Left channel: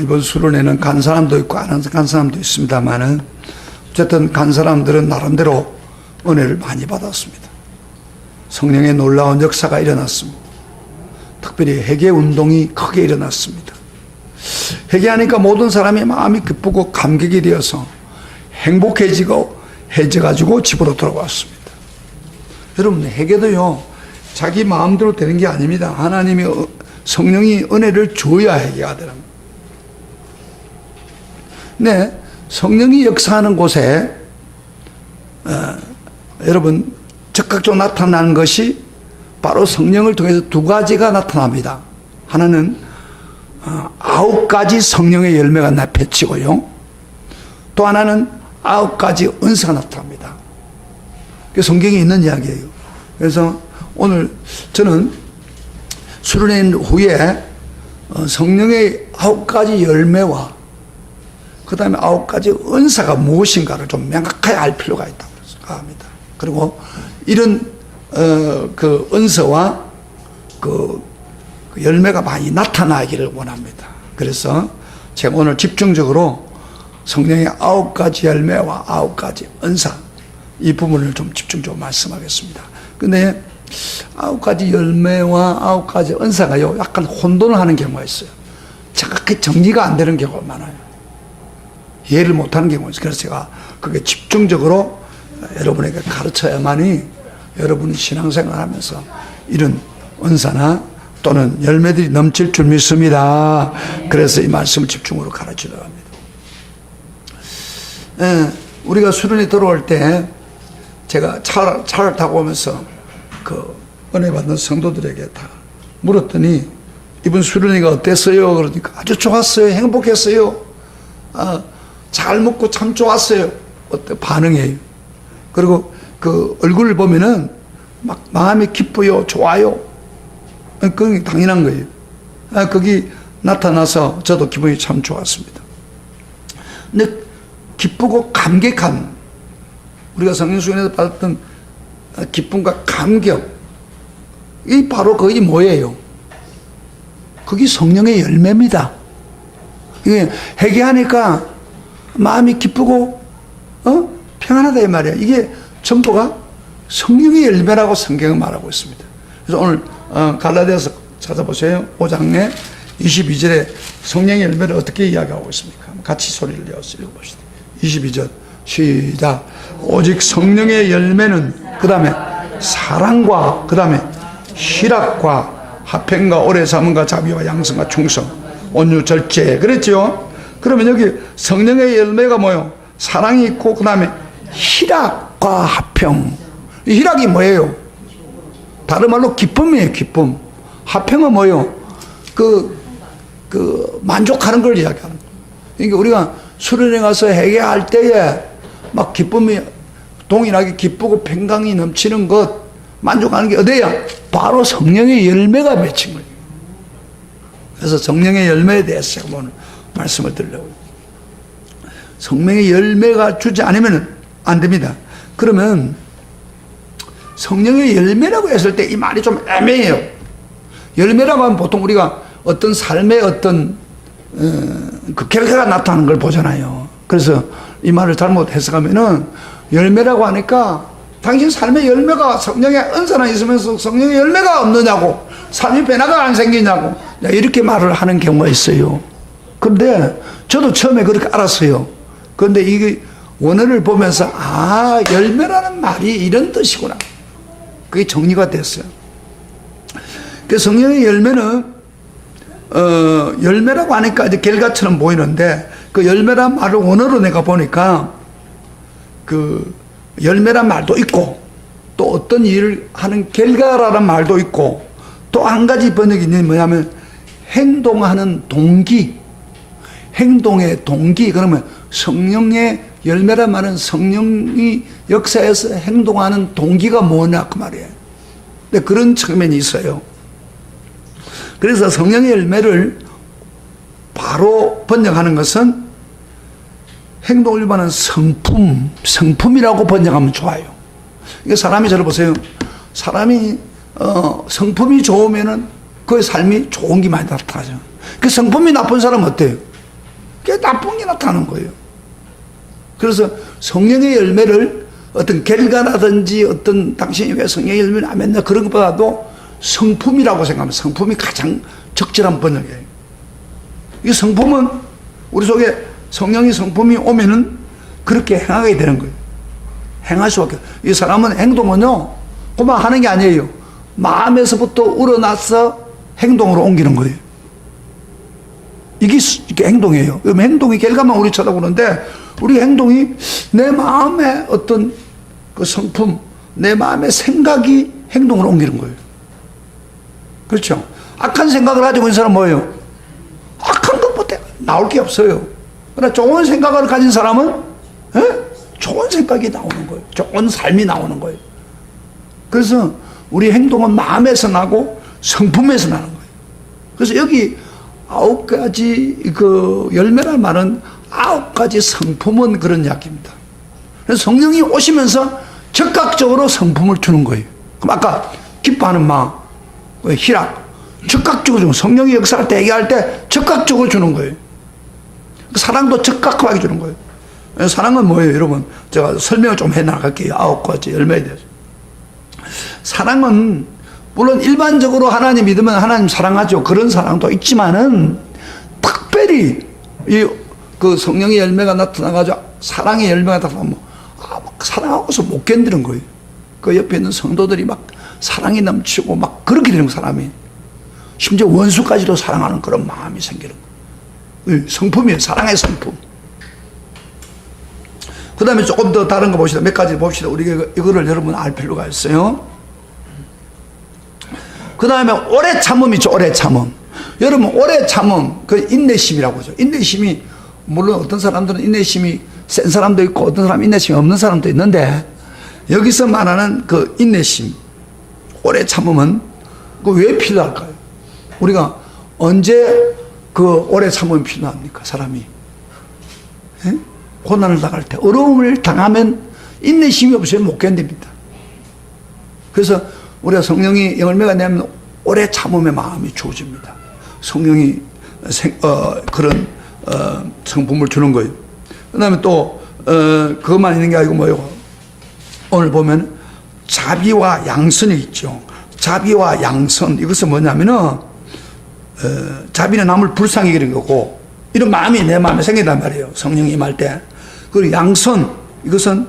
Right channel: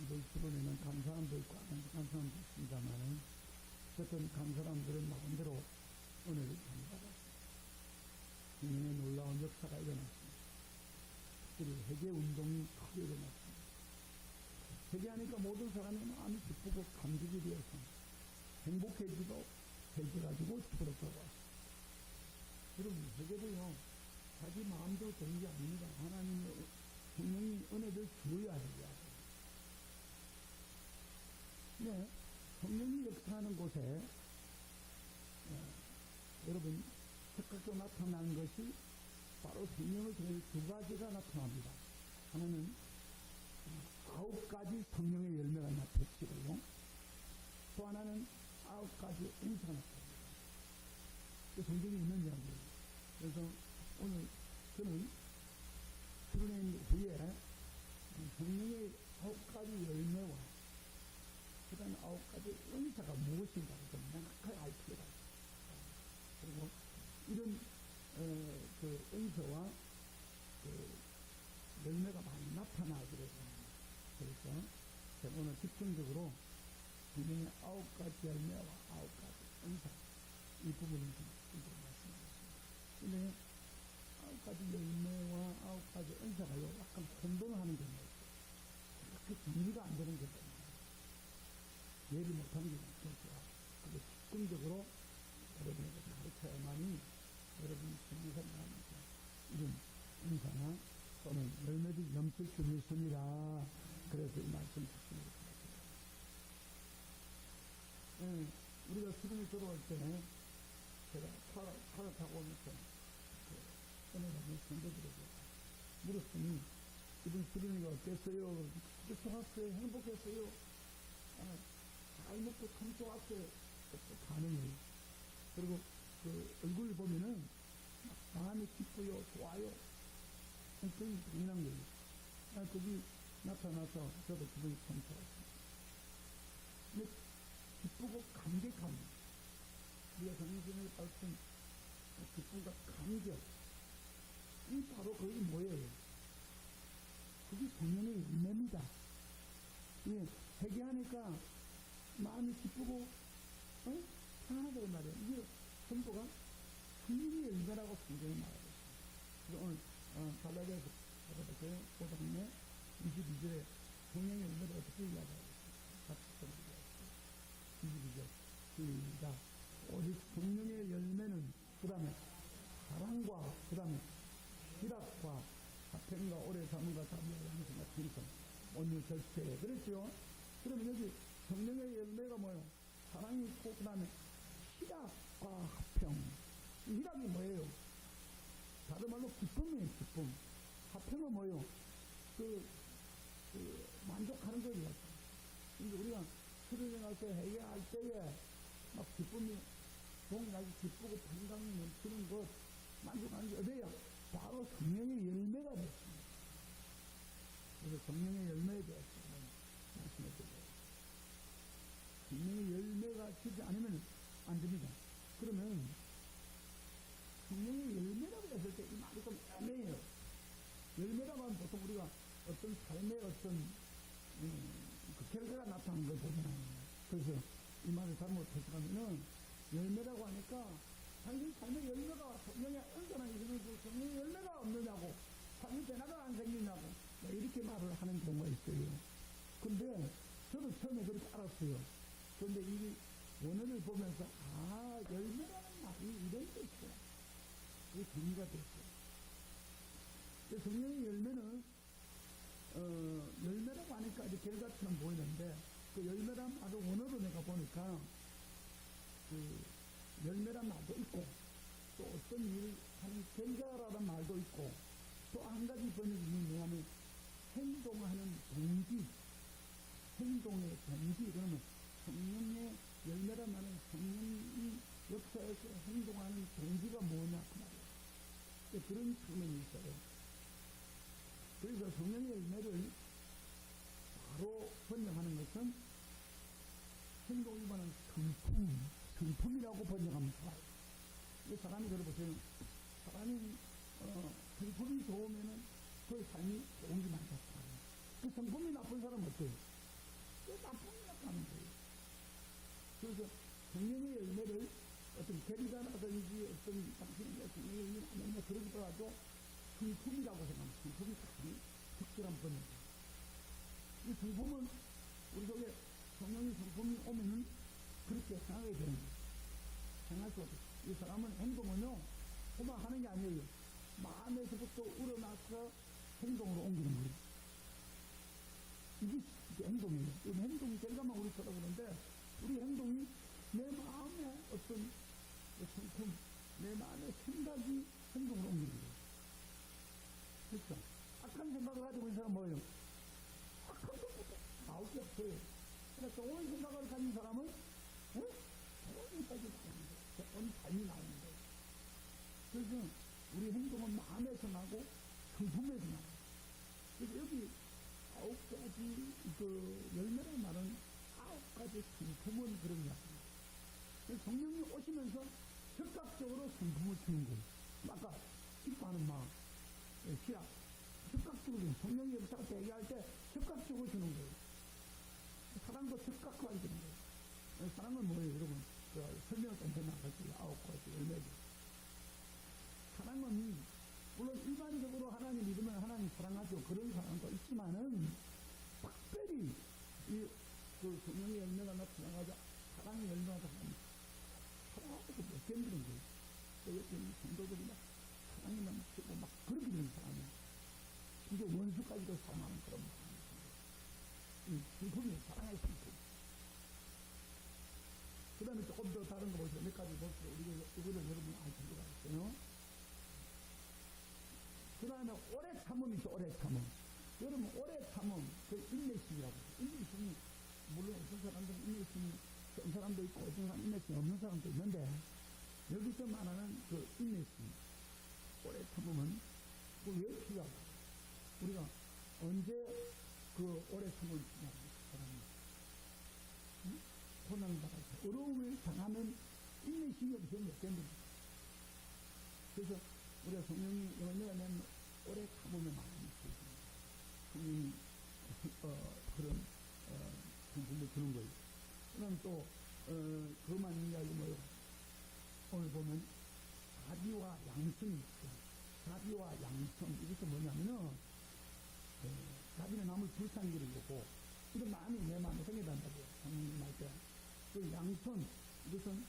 이번 수련회는 간 사람도 있고 안 간 사람도 있습니다만은 어쨌든 간 사람들은 나름대로 은혜를 많이 받았습니다. 성령의 놀라운 역사가 일어났습니다. 특별히 회개 운동이 크게 일어났습니다. 회개하니까 모든 사람이 마음이 기쁘고 감격이 되어서 행복해지고 해져가지고 집으로 돌아왔습니다. 여러분, 회개도요 자기 마음대로 되는 게 아닙니다. 하나님이 성령이 은혜를 줘야 회개가 되는 거예요. 네, 성령이 역사하는 곳에 여러분 적극적으로 나타나는 것이 바로 성령을 통해서 두 가지가 나타납니다. 하나는 9가지 성령의 열매가 맺히고요. 또 하나는 9가지 은사가 나타납니다. 그게 성경에 있는 이야기예요. 그래서 오늘 저는 수련회 후에 성령의 9가지 열매와 그 다음에 9가지 은사가 무엇인가를 좀 명확하게 알 필요가 있다고 생각합니다. 그리고 이런 그 은사와 그 열매가 많이 나타나기를 원합니다. 그래서 제가 오늘 집중적으로 성령의 9가지 열매와 9가지 은사 이 부분을 좀 집중적으로 말씀하겠습니다. 근데 9가지 열매와 9가지 은사가요 약간 혼돈을 하는 경우가 있어요. 정확히 정리가 안 되는 경우가 많아요. 이해를 못하는 경우가 있어요. 그래서 제가 그게 집중적으로 여러분에게 가르쳐야만이 여러분이 신앙생활 하면서 이런 은사나 또는 열매들이 넘칠 줄 믿습니다. 그래서 이 말씀을 집중으로 가르치려고 합니다. 우리가 수련회 들어올 때 제가 차를 타고 오면서 그 은혜 받는 성도들에게 다 물었더니 이번 수련회가 어땠어요? 그러니까 아주 좋았어요. 행복했어요. 잘 먹고 참 좋았어요. 어때? 반응해요. 그리고 그 얼굴을 보면은 막 마음이 기뻐요. 좋아요. 그건 당연한 거예요. 거기 나타나서 저도 기분이 참 좋았습니다. 근데 기쁘고 감격함, 우리가 성령수련회에서 받았던 기쁨과 감격, 이 바로 그게 뭐예요? 그게 성령의 열매입니다. 이게 회개하니까 마음이 기쁘고 평안하다 이 말이에요. 이게 전부가 성령의 열매라고 성경은 말하고 있습니다. 그래서 오늘 갈라디아서 찾아보세요. 5장에 22절에 성령의 열매를 어떻게 이야기하고 있습니까? 같이 소리를 내어서 읽어봅시다. 22절 시작. 오직 성령의 열매는 그 다음에 사랑과 그 다음에 희락과 화평과 오래 참음과 자비와 양성과 충성 온유 절제 그랬죠. 그러면 여기 성령의 열매가 뭐예요? 사랑이 있고 그 다음에 희락과 화평. 희락이 뭐예요? 다른 말로 기쁨이에요. 기쁨. 화평은 뭐예요? 만족하는 걸 이야기하는 거예요. 그러니까 우리가 수련회 가서 회개할 때에 막 기쁨이 동일하게 기쁘고 평강이 넘치는 것 만족하는 게 어디야? 바로 성령의 열매가 맺힌 거예요. 그래서 성령의 열매에 대해서 제가 오늘 말씀을 드리려고요. 성령의 열매가 주지 않으면 안 됩니다. 그러면 성령의 열매라고 했을 때 이 말이 좀 애매해요. 열매라고 하면 보통 우리가 어떤 삶의 어떤 그 결과가 나타나는 걸 보잖아요. 그래서 이 말을 잘못 해석하면은 열매라고 하니까 당신 삶의 열매가 성령의 은사나 있으면서 성령의 열매가 없느냐고, 삶의 변화가 안 생기냐고 이렇게 말을 하는 경우가 있어요. 그런데 저도 처음에 그렇게 알았어요. 그런데 이게 원어를 보면서 열매라는 말이 이런 뜻이구나. 그게 정리가 됐어요. 그 성령의 열매는 열매라고 하니까 이제 결과처럼 보이는데 그 열매란 말을 원어로 내가 보니까 그 열매란 말도 있고 또 어떤 일을 하는 결과라는 말도 있고 또 한 가지 번역이 있는 뭐냐면 행동하는 동기, 행동의 동기. 그러면 성령의 열매란 말은 성령이 역사에서 행동하는 동기가 뭐냐 그 말이에요. 근데 그런 측면이 있어요. 그래서 성령의 열매를 바로 번역하는 것은 행동을 일반하는 성품이라고 번역하면 좋아요. 이게 사람이 저를 보세요. 사람이 성품이 좋으면은 그의 삶이 좋은 게 많이 나타나죠. 그 성품이 나쁜 사람은 어때요? 그게 나쁜 게 나타나는 거예요. 그래서 성령의 열매를 어떤 결과라든지 어떤 당신이 왜 성령의 열매를 안 맺나 그런 것보다도 성품이라고 생각하면 성품이 가장 적절한 번역이에요. 이 성품은 우리 속에 성령의 성품이 오면은 그렇게 행하게 되는 거예요. 행할 수밖에. 이 사람은 행동은요, 그만 하는 게 아니에요. 마음에서부터 우러나서 행동으로 옮기는 거예요. 이게 행동이에요. 행동의 결과만 우리 쳐다보는데, 우리 행동이 내 마음의 어떤 그 성품, 내 마음의 생각이 행동으로 옮기는 거예요. 그렇죠? 악한 생각을 가지고 있는 사람은 뭐예요? 악한 것보다 나올 게 없어요. 그러나 좋은 생각을 가진 사람은 좋은 생각이 나오는 거예요. 좋은 삶이 나오는 거예요. 그래서 우리 행동은 마음에서 나고 성품에서 나는 거예요. 그래서 여기 9가지 그 열매란 말은 9가지 성품은 그런 이야기입니다. 그래서 성령이 오시면서 즉각적으로 성품을 주는 거예요. 그럼 아까 기뻐하는 마음, 희락, 즉각적으로 주는, 성령이 역사를 대기할 때 즉각적으로 주는 거예요. 사랑도 즉각하게 주는 거예요. 사랑은 뭐예요, 여러분? 제가 설명을 좀 해나갈게요. 9가지 열매에 대해서. 사랑은 물론 일반적으로 하나님 믿으면 하나님 사랑하죠. 그런 사랑도 있지만은 특별히 그 성령의 열매가 나타나가지고 사랑의 열매가 나타나면 막 사랑하고서 못 견디는 거예요. 그 옆에 있는 성도들이 막 사랑이 넘치고 막 그렇게 되는 거예요, 사람이. 심지어 원수까지도 사랑하는 그런 마음이 생기는 거예요. 성품이에요. 사랑의 성품. 그 다음에 조금 더 다른 거 봅시다. 몇 가지 봅시다. 우리가 이거를 여러분 알 필요가 있어요. 그 다음에 오래 참음 있죠. 오래 참음. 여러분 오래 참음, 그 인내심이라고 하죠. 인내심이 물론 어떤 사람들은 인내심이 센 사람도 있고 어떤 사람은 인내심이 없는 사람도 있는데, 여기서 말하는 그 인내심, 오래 참음은 그 왜 필요할까요? 우리가 언제 그 오래 참음이 필요합니까? 사람이 고난을 당할 때, 어려움을 당하면 인내심이 없으면 못 견딥니다. 그래서 우리가 성령이 열매가 내면 오래 참음의 마음이 주어집니다. 성령이 그런 성품을 주는 거예요. 그 다음에 또 그것만 있는 게 아니고 뭐예요? 오늘 보면 자비와 양선이 있죠. 자비와 양선, 이것은 뭐냐면은 자비는 남을 불쌍히 여기는 거고, 이런 마음이 내 마음에 생긴단 말이에요. 성령이 임할 때. 그리고 양선, 이것은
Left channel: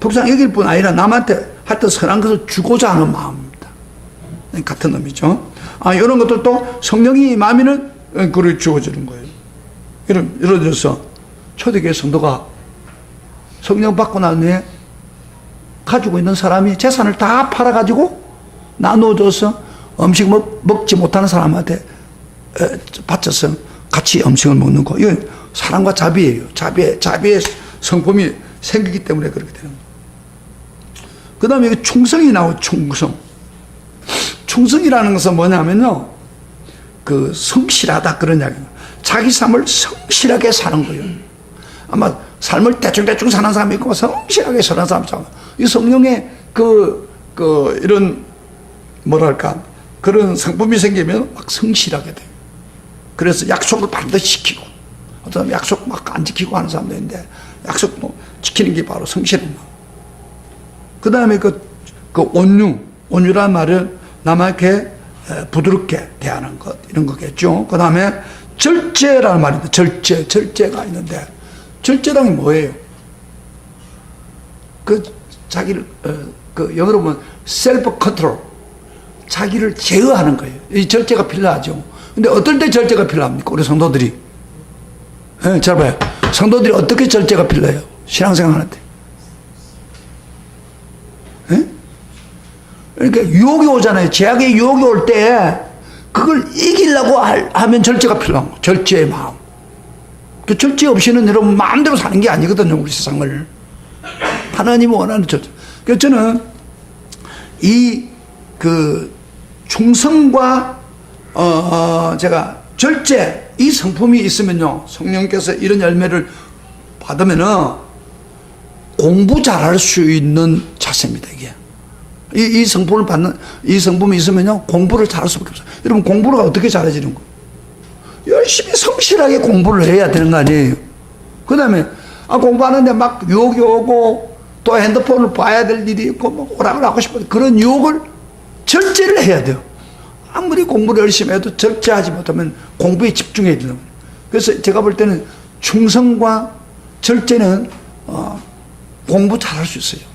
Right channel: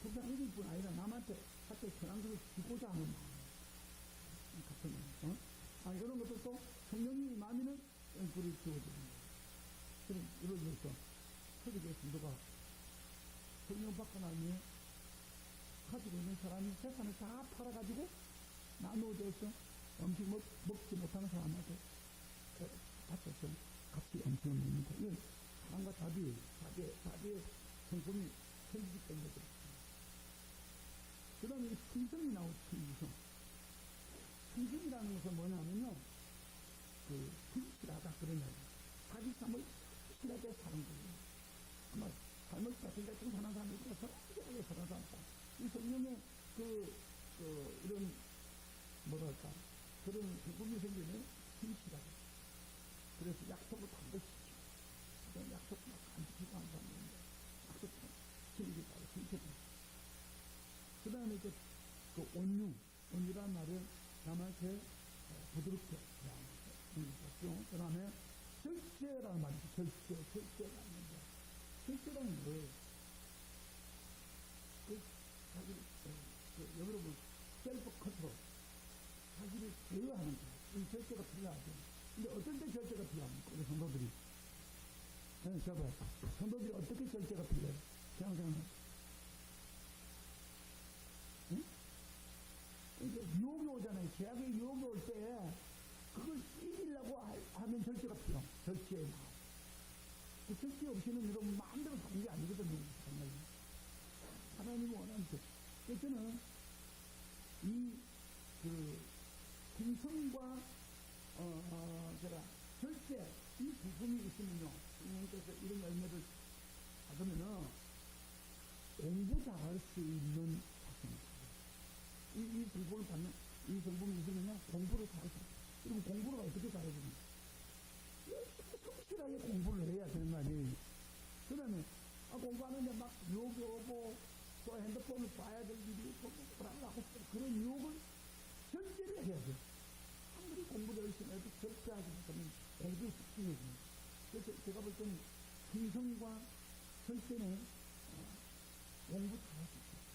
불쌍히 여길 뿐 아니라 남한테 하여튼 선한 것을 주고자 하는 마음입니다. 같은 의미죠. 이런 것들도 성령이 임하면은 그걸 주어지는 거예요. 예를 들어서 초대교회 성도가 성령 받고 난 후에 가지고 있는 사람이 재산을 다 팔아가지고 나눠줘서 음식 먹지 못하는 사람한테 바쳐서 같이 음식을 먹는 거. 이건 사랑과 자비예요. 자비의 성품이 생기기 때문에 그렇게 되는 거예요. 그 다음에 여기 충성이 나오죠. 충성. 충성이라는 것은 뭐냐면요, 그 성실하다 그런 이야기입니다. 자기 삶을 성실하게 사는 거예요. 아마 삶을 대충대충 사는 사람이 있고 성실하게 사는 사람이 있고, 이 성령의 이런 뭐랄까 그런 성품이 생기면 막 성실하게 돼요. 그래서 약속을 반드시 지키고, 어떤 사람 약속 막 안 지키고 하는 사람도 있는데, 약속 지키는 게 바로 성실한 마음. 그 다음에 그 온유란 말은 남에게 부드럽게 대하는 것, 이런 거겠죠. 그 다음에 절제라는 말인데, 절제가 있는데, 절제란 게 뭐예요? 자기를, 영어로 보면 셀프 컨트롤, 자기를 제어하는 거예요. 이 절제가 필요하죠. 근데 어떨 때 절제가 필요합니까? 우리 성도들이. 잘 봐요. 성도들이 어떻게 절제가 필요해요? 신앙생활 하는데. 그러니까 유혹이 오잖아요. 제약의 유혹이 올 때 그걸 이기려고 하면 절제가 필요한 거예요. 절제의 마음. 그 절제 없이는 여러분 마음대로 사는 게 아니거든요. 우리 세상을. 하나님이 원하는 절제. 그래서 저는 충성과 제가 절제, 이 성품이 있으면요, 성령께서 이런 열매를 받으면은 공부 잘할 수 있는 자세입니다. 이 성품을 받는, 이 성품이 있으면요, 공부를 잘할 수밖에 없어요. 여러분, 공부를 어떻게 잘해지는 거예요? 열심히 성실하게 공부를 해야 되는 거 아니에요? 그 다음에, 공부하는데 막 유혹이 오고, 또 핸드폰을 봐야 될 일이 있고, 뭐 오락을 하고 싶은 그런 유혹을 절제를 해야 돼요. 아무리 공부를 열심히 해도 절제하지 못하면 공부에 집중해야 되는 거예요. 그래서 제가 볼 때는 충성과 절제는, 공부 잘할 수 있어요.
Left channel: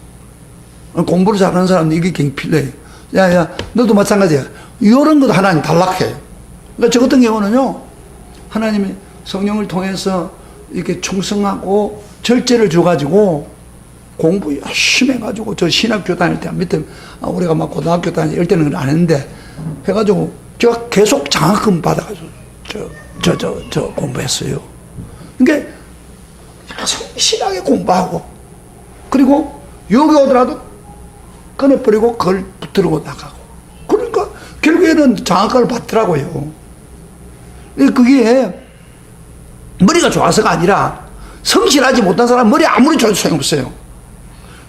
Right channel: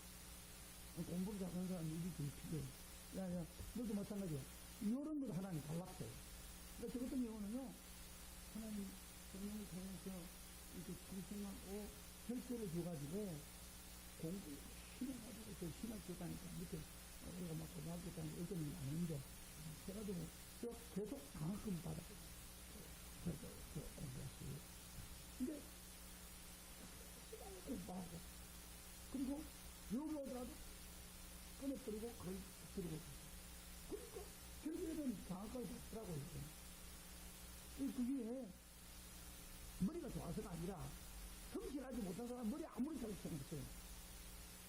공부를 잘하는 사람은 이게 굉장히 필요해요. 야, 너도 마찬가지야. 이런 것도 하나님 단락해요. 그러니까 저 같은 경우는요, 하나님이 성령을 통해서 이렇게 충성하고 절제를 줘가지고 공부 열심히 해가지고 저 신학교 다닐 때 밑에 우리가 막 고등학교 다닐 때 때는 안 했는데 해가지고 제가 계속 장학금 받아가지고 저 공부했어요. 그러니까 성실하게 공부하고 그리고 여기 오더라도 꺼내버리고 그걸 붙들고 나가고 그러니까 결국에는 장학금을 받더라고요. 그게 머리가 좋아서가 아니라 성실하지 못한 사람 머리 아무리 좋아도 소용없어요.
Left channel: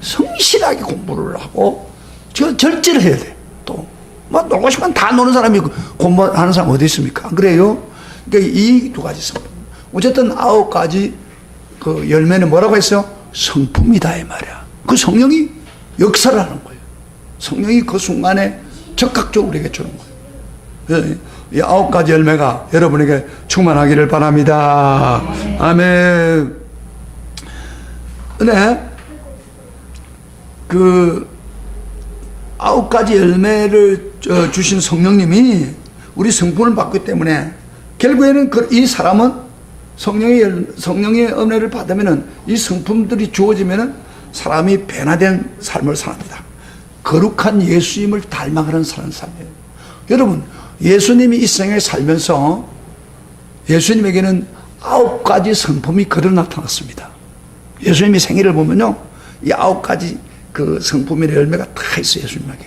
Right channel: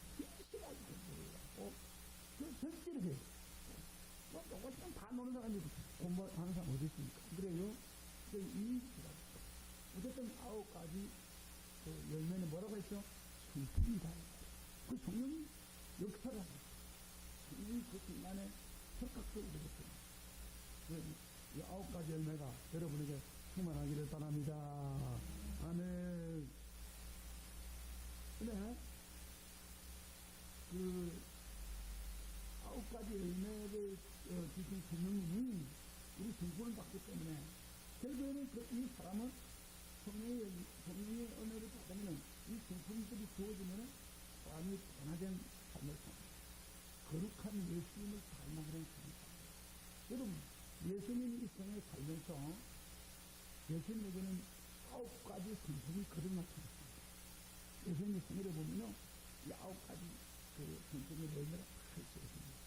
성실하게 공부를 하고 절제를 해야 돼. 또 뭐 놀고 싶으면 다 노는 사람이 공부하는 사람 어디 있습니까? 안 그래요? 그러니까 이 두 가지 성품. 어쨌든 9가지 그 열매는 뭐라고 했어요? 성품이다 이 말이야. 그 성령이 역사를 하는 거예요. 성령이 그 순간에 적극적으로 우리에게 주는 거예요. 이 9가지 열매가 여러분에게 충만하기를 바랍니다. 아멘. 근데 그 9가지 열매를 주신 성령님이 우리 성품을 받기 때문에 결국에는 이 사람은 성령의 은혜를 받으면은 이 성품들이 주어지면은 사람이 변화된 삶을 삽니다. 거룩한 예수님을 닮아가는 삶이에요. 여러분, 예수님이 이 세상에 살면서 예수님에게는 9가지 성품이 그대로 나타났습니다. 예수님이 생애를 보면요, 이 9가지 그 성품의 열매가 다 있어요, 예수님에게.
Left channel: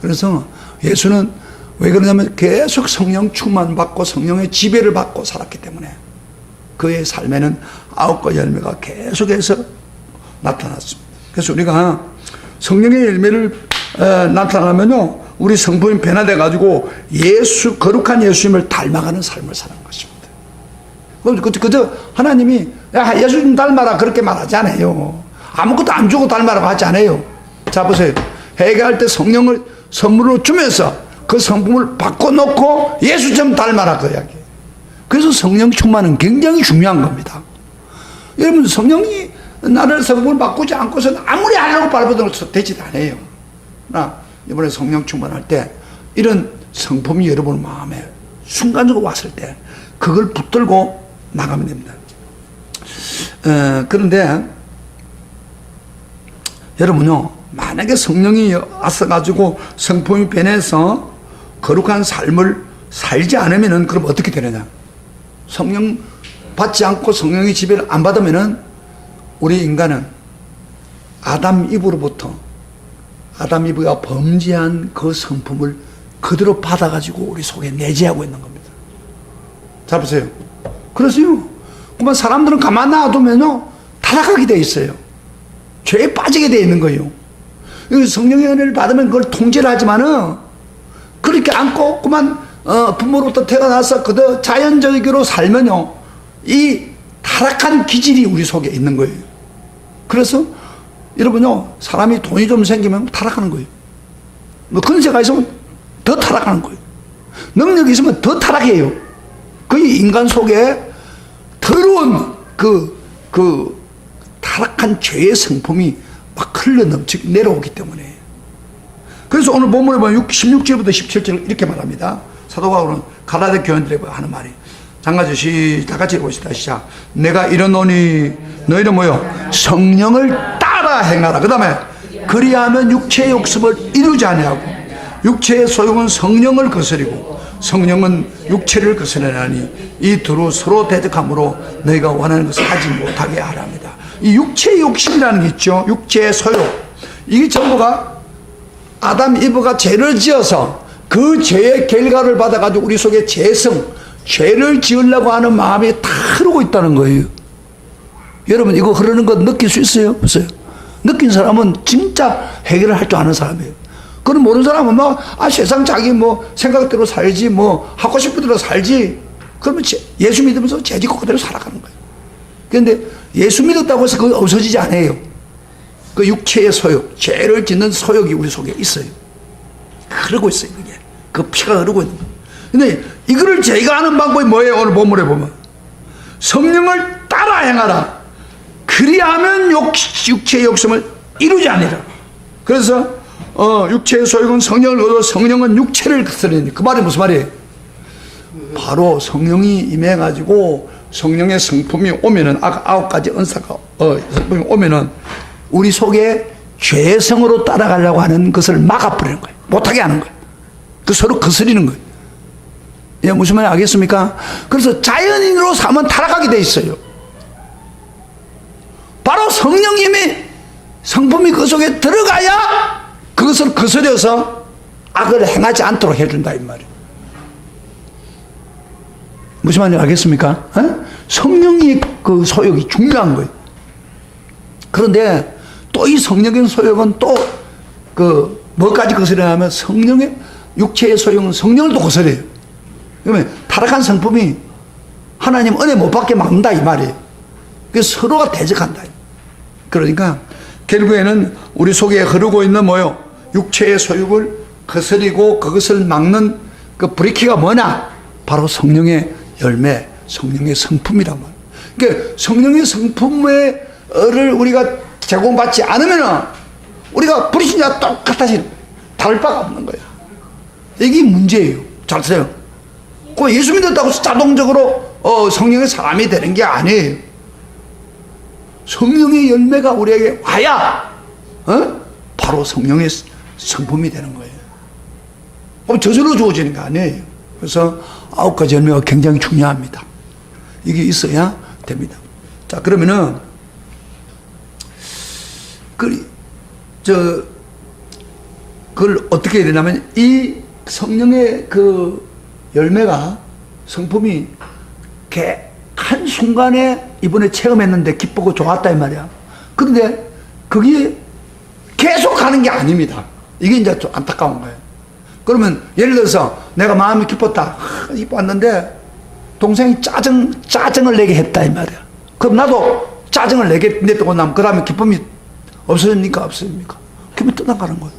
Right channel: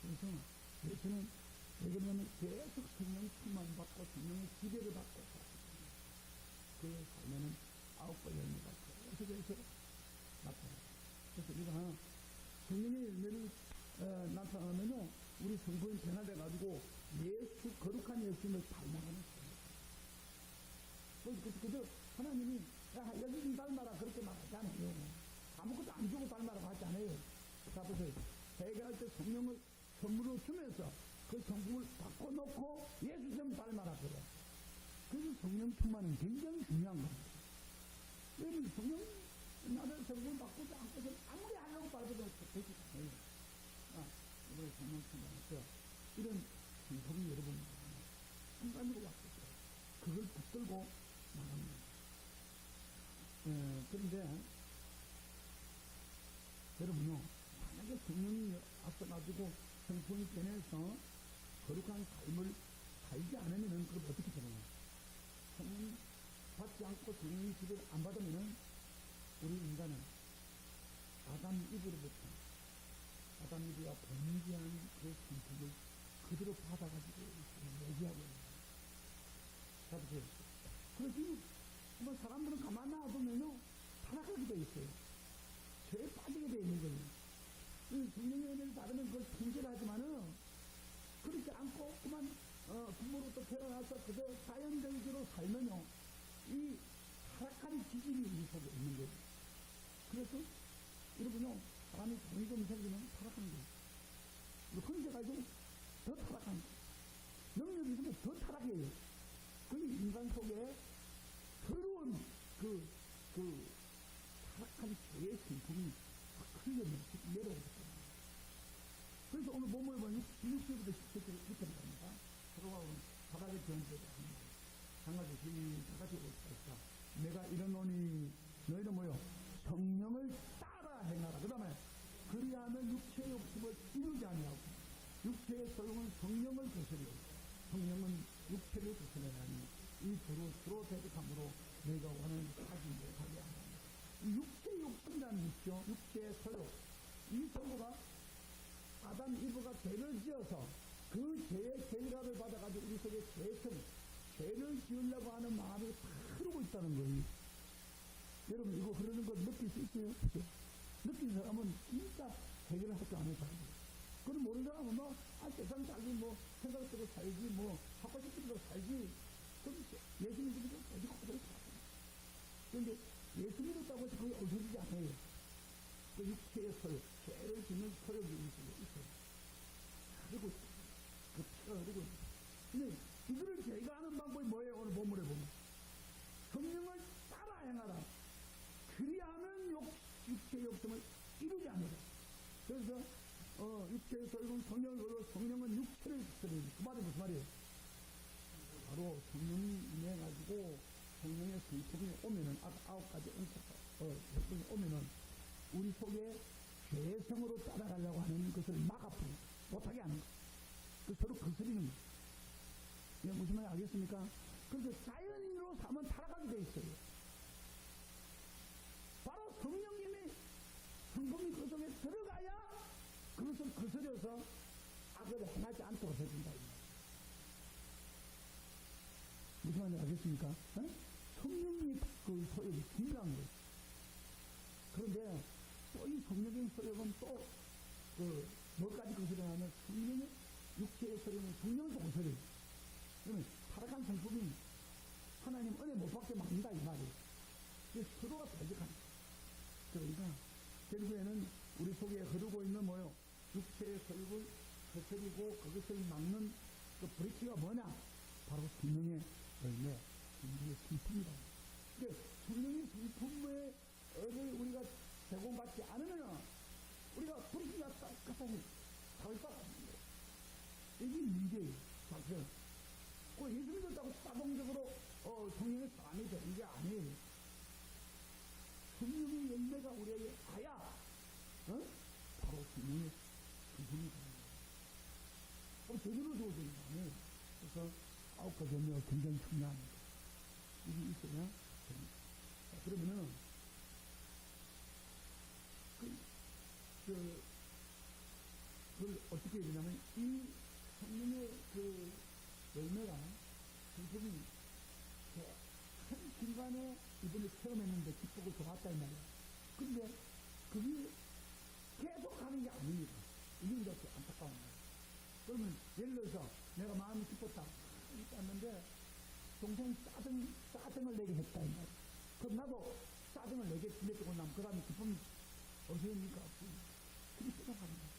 그래서 예수는 왜 그러냐면 계속 성령 충만받고 성령의 지배를 받고 살았기 때문에 그의 삶에는 9가지 열매가 계속해서 나타났습니다. 그래서 우리가 성령의 열매를 나타나면요, 우리 성품이 변화돼 가지고 거룩한 예수님을 닮아가는 삶을 사는 것입니다. 그저 하나님이 야, 예수님 닮아라 그렇게 말하지 않아요. 아무것도 안 주고 닮아라고 하지 않아요. 자 보세요. 회개할 때 성령을 선물로 주면서 그 성품을 바꿔놓고 예수처럼 닮아라 그 이야기예요. 그래서 성령 충만은 굉장히 중요한 겁니다. 여러분, 성령이 나를 성품을 바꾸지 않고서는 아무리 하려고 발버둥을 되지도 않아요. 나 이번에 성령 충만할 때 이런 성품이 여러분 마음에 순간적으로 왔을 때 그걸 붙들고 나가면 됩니다. 그런데 여러분요, 만약에 성령이 왔어가지고 성품이 변해서 거룩한 삶을 살지 않으면은 그럼 어떻게 되느냐? 성령 받지 않고 성령의 지배를 안 받으면은 우리 인간은 아담 이브로부터 아담 이브가 범죄한 그 성품을 그대로 받아가지고 우리 속에 내재하고 있는 겁니다. 잘 보세요. 그래서요, 그만 사람들은 가만 놔두면요 타락하게 돼 있어요. 죄에 빠지게 돼 있는 거예요. 성령의 은혜를 받으면 그걸 통제를 하지만은 그렇게 안고 그만 부모로부터 태어나서 그저 자연적으로 살면요 이 타락한 기질이 우리 속에 있는 거예요. 그래서 여러분요, 사람이 돈이 좀 생기면 타락하는 거예요. 뭐 근세가 있으면 더 타락하는 거예요. 능력이 있으면 더 타락해요. 그 인간 속에 더러운 그 타락한 죄의 성품이 막 흘러 넘치고 내려오기 때문에. 그래서 오늘 본문에 보면 16절부터 17절 이렇게 말합니다. 사도 바울은 갈라디아 교인들에게 하는 말이. 장가주시 다 같이 읽어봅시다. 시작. 내가 이르노니 너희는 뭐요? 성령을 따라 행하라. 그 다음에 그리하면 육체의 욕심을 이루지 아니하고 육체의 소용은 성령을 거스리고 성령은 육체를 거스르나니 이 두루 서로 대적함으로 너희가 원하는 것을 하지 못하게 하랍니다. 이 육체의 욕심이라는 게 있죠. 육체의 소용. 이게 전부가 아담 이브가 죄를 지어서 그 죄의 결과를 받아가지고 우리 속에 죄를 지으려고 하는 마음이 다 흐르고 있다는 거예요. 여러분, 이거 흐르는 거 느낄 수 있어요? 없어요? 느낀 사람은 진짜 해결을 할 줄 아는 사람이에요. 그건 모르는 사람은 막, 세상 자기 뭐 생각대로 살지, 뭐 하고 싶은 대로 살지. 그러면 예수 믿으면서 재짓고 그대로 살아가는 거예요. 그런데 예수 믿었다고 해서 그거 없어지지 않아요. 그 육체의 소욕, 죄를 짓는 소욕이 우리 속에 있어요. 흐르고 있어요, 그게. 그 피가 흐르고 있는 거예요. 근데 이거를 저희가 아는 방법이 뭐예요? 오늘 본문에 보면. 성령을 따라 행하라. 그리하면 육체의 욕심을 이루지 아니라. 그래서 육체의 소욕은 성령을 거두어 성령은 육체를 거스르니. 그 말이 무슨 말이에요? 바로 성령이 임해가지고 성령의 성품이 오면은 아홉 가지 은사가 성품이 오면은 우리 속에 죄성으로 따라가려고 하는 것을 막아버리는 거예요. 못하게 하는 거예요. 그 서로 거스리는 거예요. 예, 무슨 말인지 알겠습니까? 그래서 자연인으로 사면 타락하게 돼 있어요. 바로 성령님이 성품이 그 속에 들어가야 그것을 거스려서 악을 행하지 않도록 해준다 이 말이에요. 무슨 말인지 알겠습니까? 성령의 그 소욕이 중요한 거예요. 그런데 또 이 성령의 소욕은 또 그 뭐까지 거스려냐면 성령의 육체의 소욕은 성령을 또 거스려요. 그러면 타락한 성품이 하나님 은혜 못 받게 막는다 이 말이에요. 그래서 서로가 대적한다. 그러니까 결국에는 우리 속에 흐르고 있는 뭐요? 육체의 소욕을 거스리고 그것을 막는 그 브레이크가 뭐냐? 바로 성령의 열매, 성령의 성품이란 말이에요. 그러니까 성령의 성품을 우리가 제공받지 않으면 우리가 불신자와 똑같아지는 거예요. 다를 바가 없는 거예요. 이게 문제예요. 잘 들어요. 그 예수 믿었다고 해서 자동적으로 성령의 사람이 되는 게 아니에요. 성령의 열매가 우리에게 와야 바로 성령의 성품이 되는 거예요. 저절로 주어지는 게 아니에요. 그래서 9가지 열매가 굉장히 중요합니다. 이게 있어야 됩니다. 자, 그러면은 그걸 어떻게 해야 되냐면 이 성령의 그 열매가 성품이 한순간에 이번에 체험했는데 기쁘고 좋았다 이 말이야. 그런데 그게 계속 가는 게 아닙니다. 이게 이제 좀 안타까운 거예요. 그러면 예를 들어서 내가 마음이 기뻤다. 기뻤는데 동생이 짜증을 내게 했다 이 말이야. 그럼 나도 짜증을 냈다고 나면 그 다음에 기쁨이 없어집니까? 없어집니까? 기쁨이 떠나가는 거예요.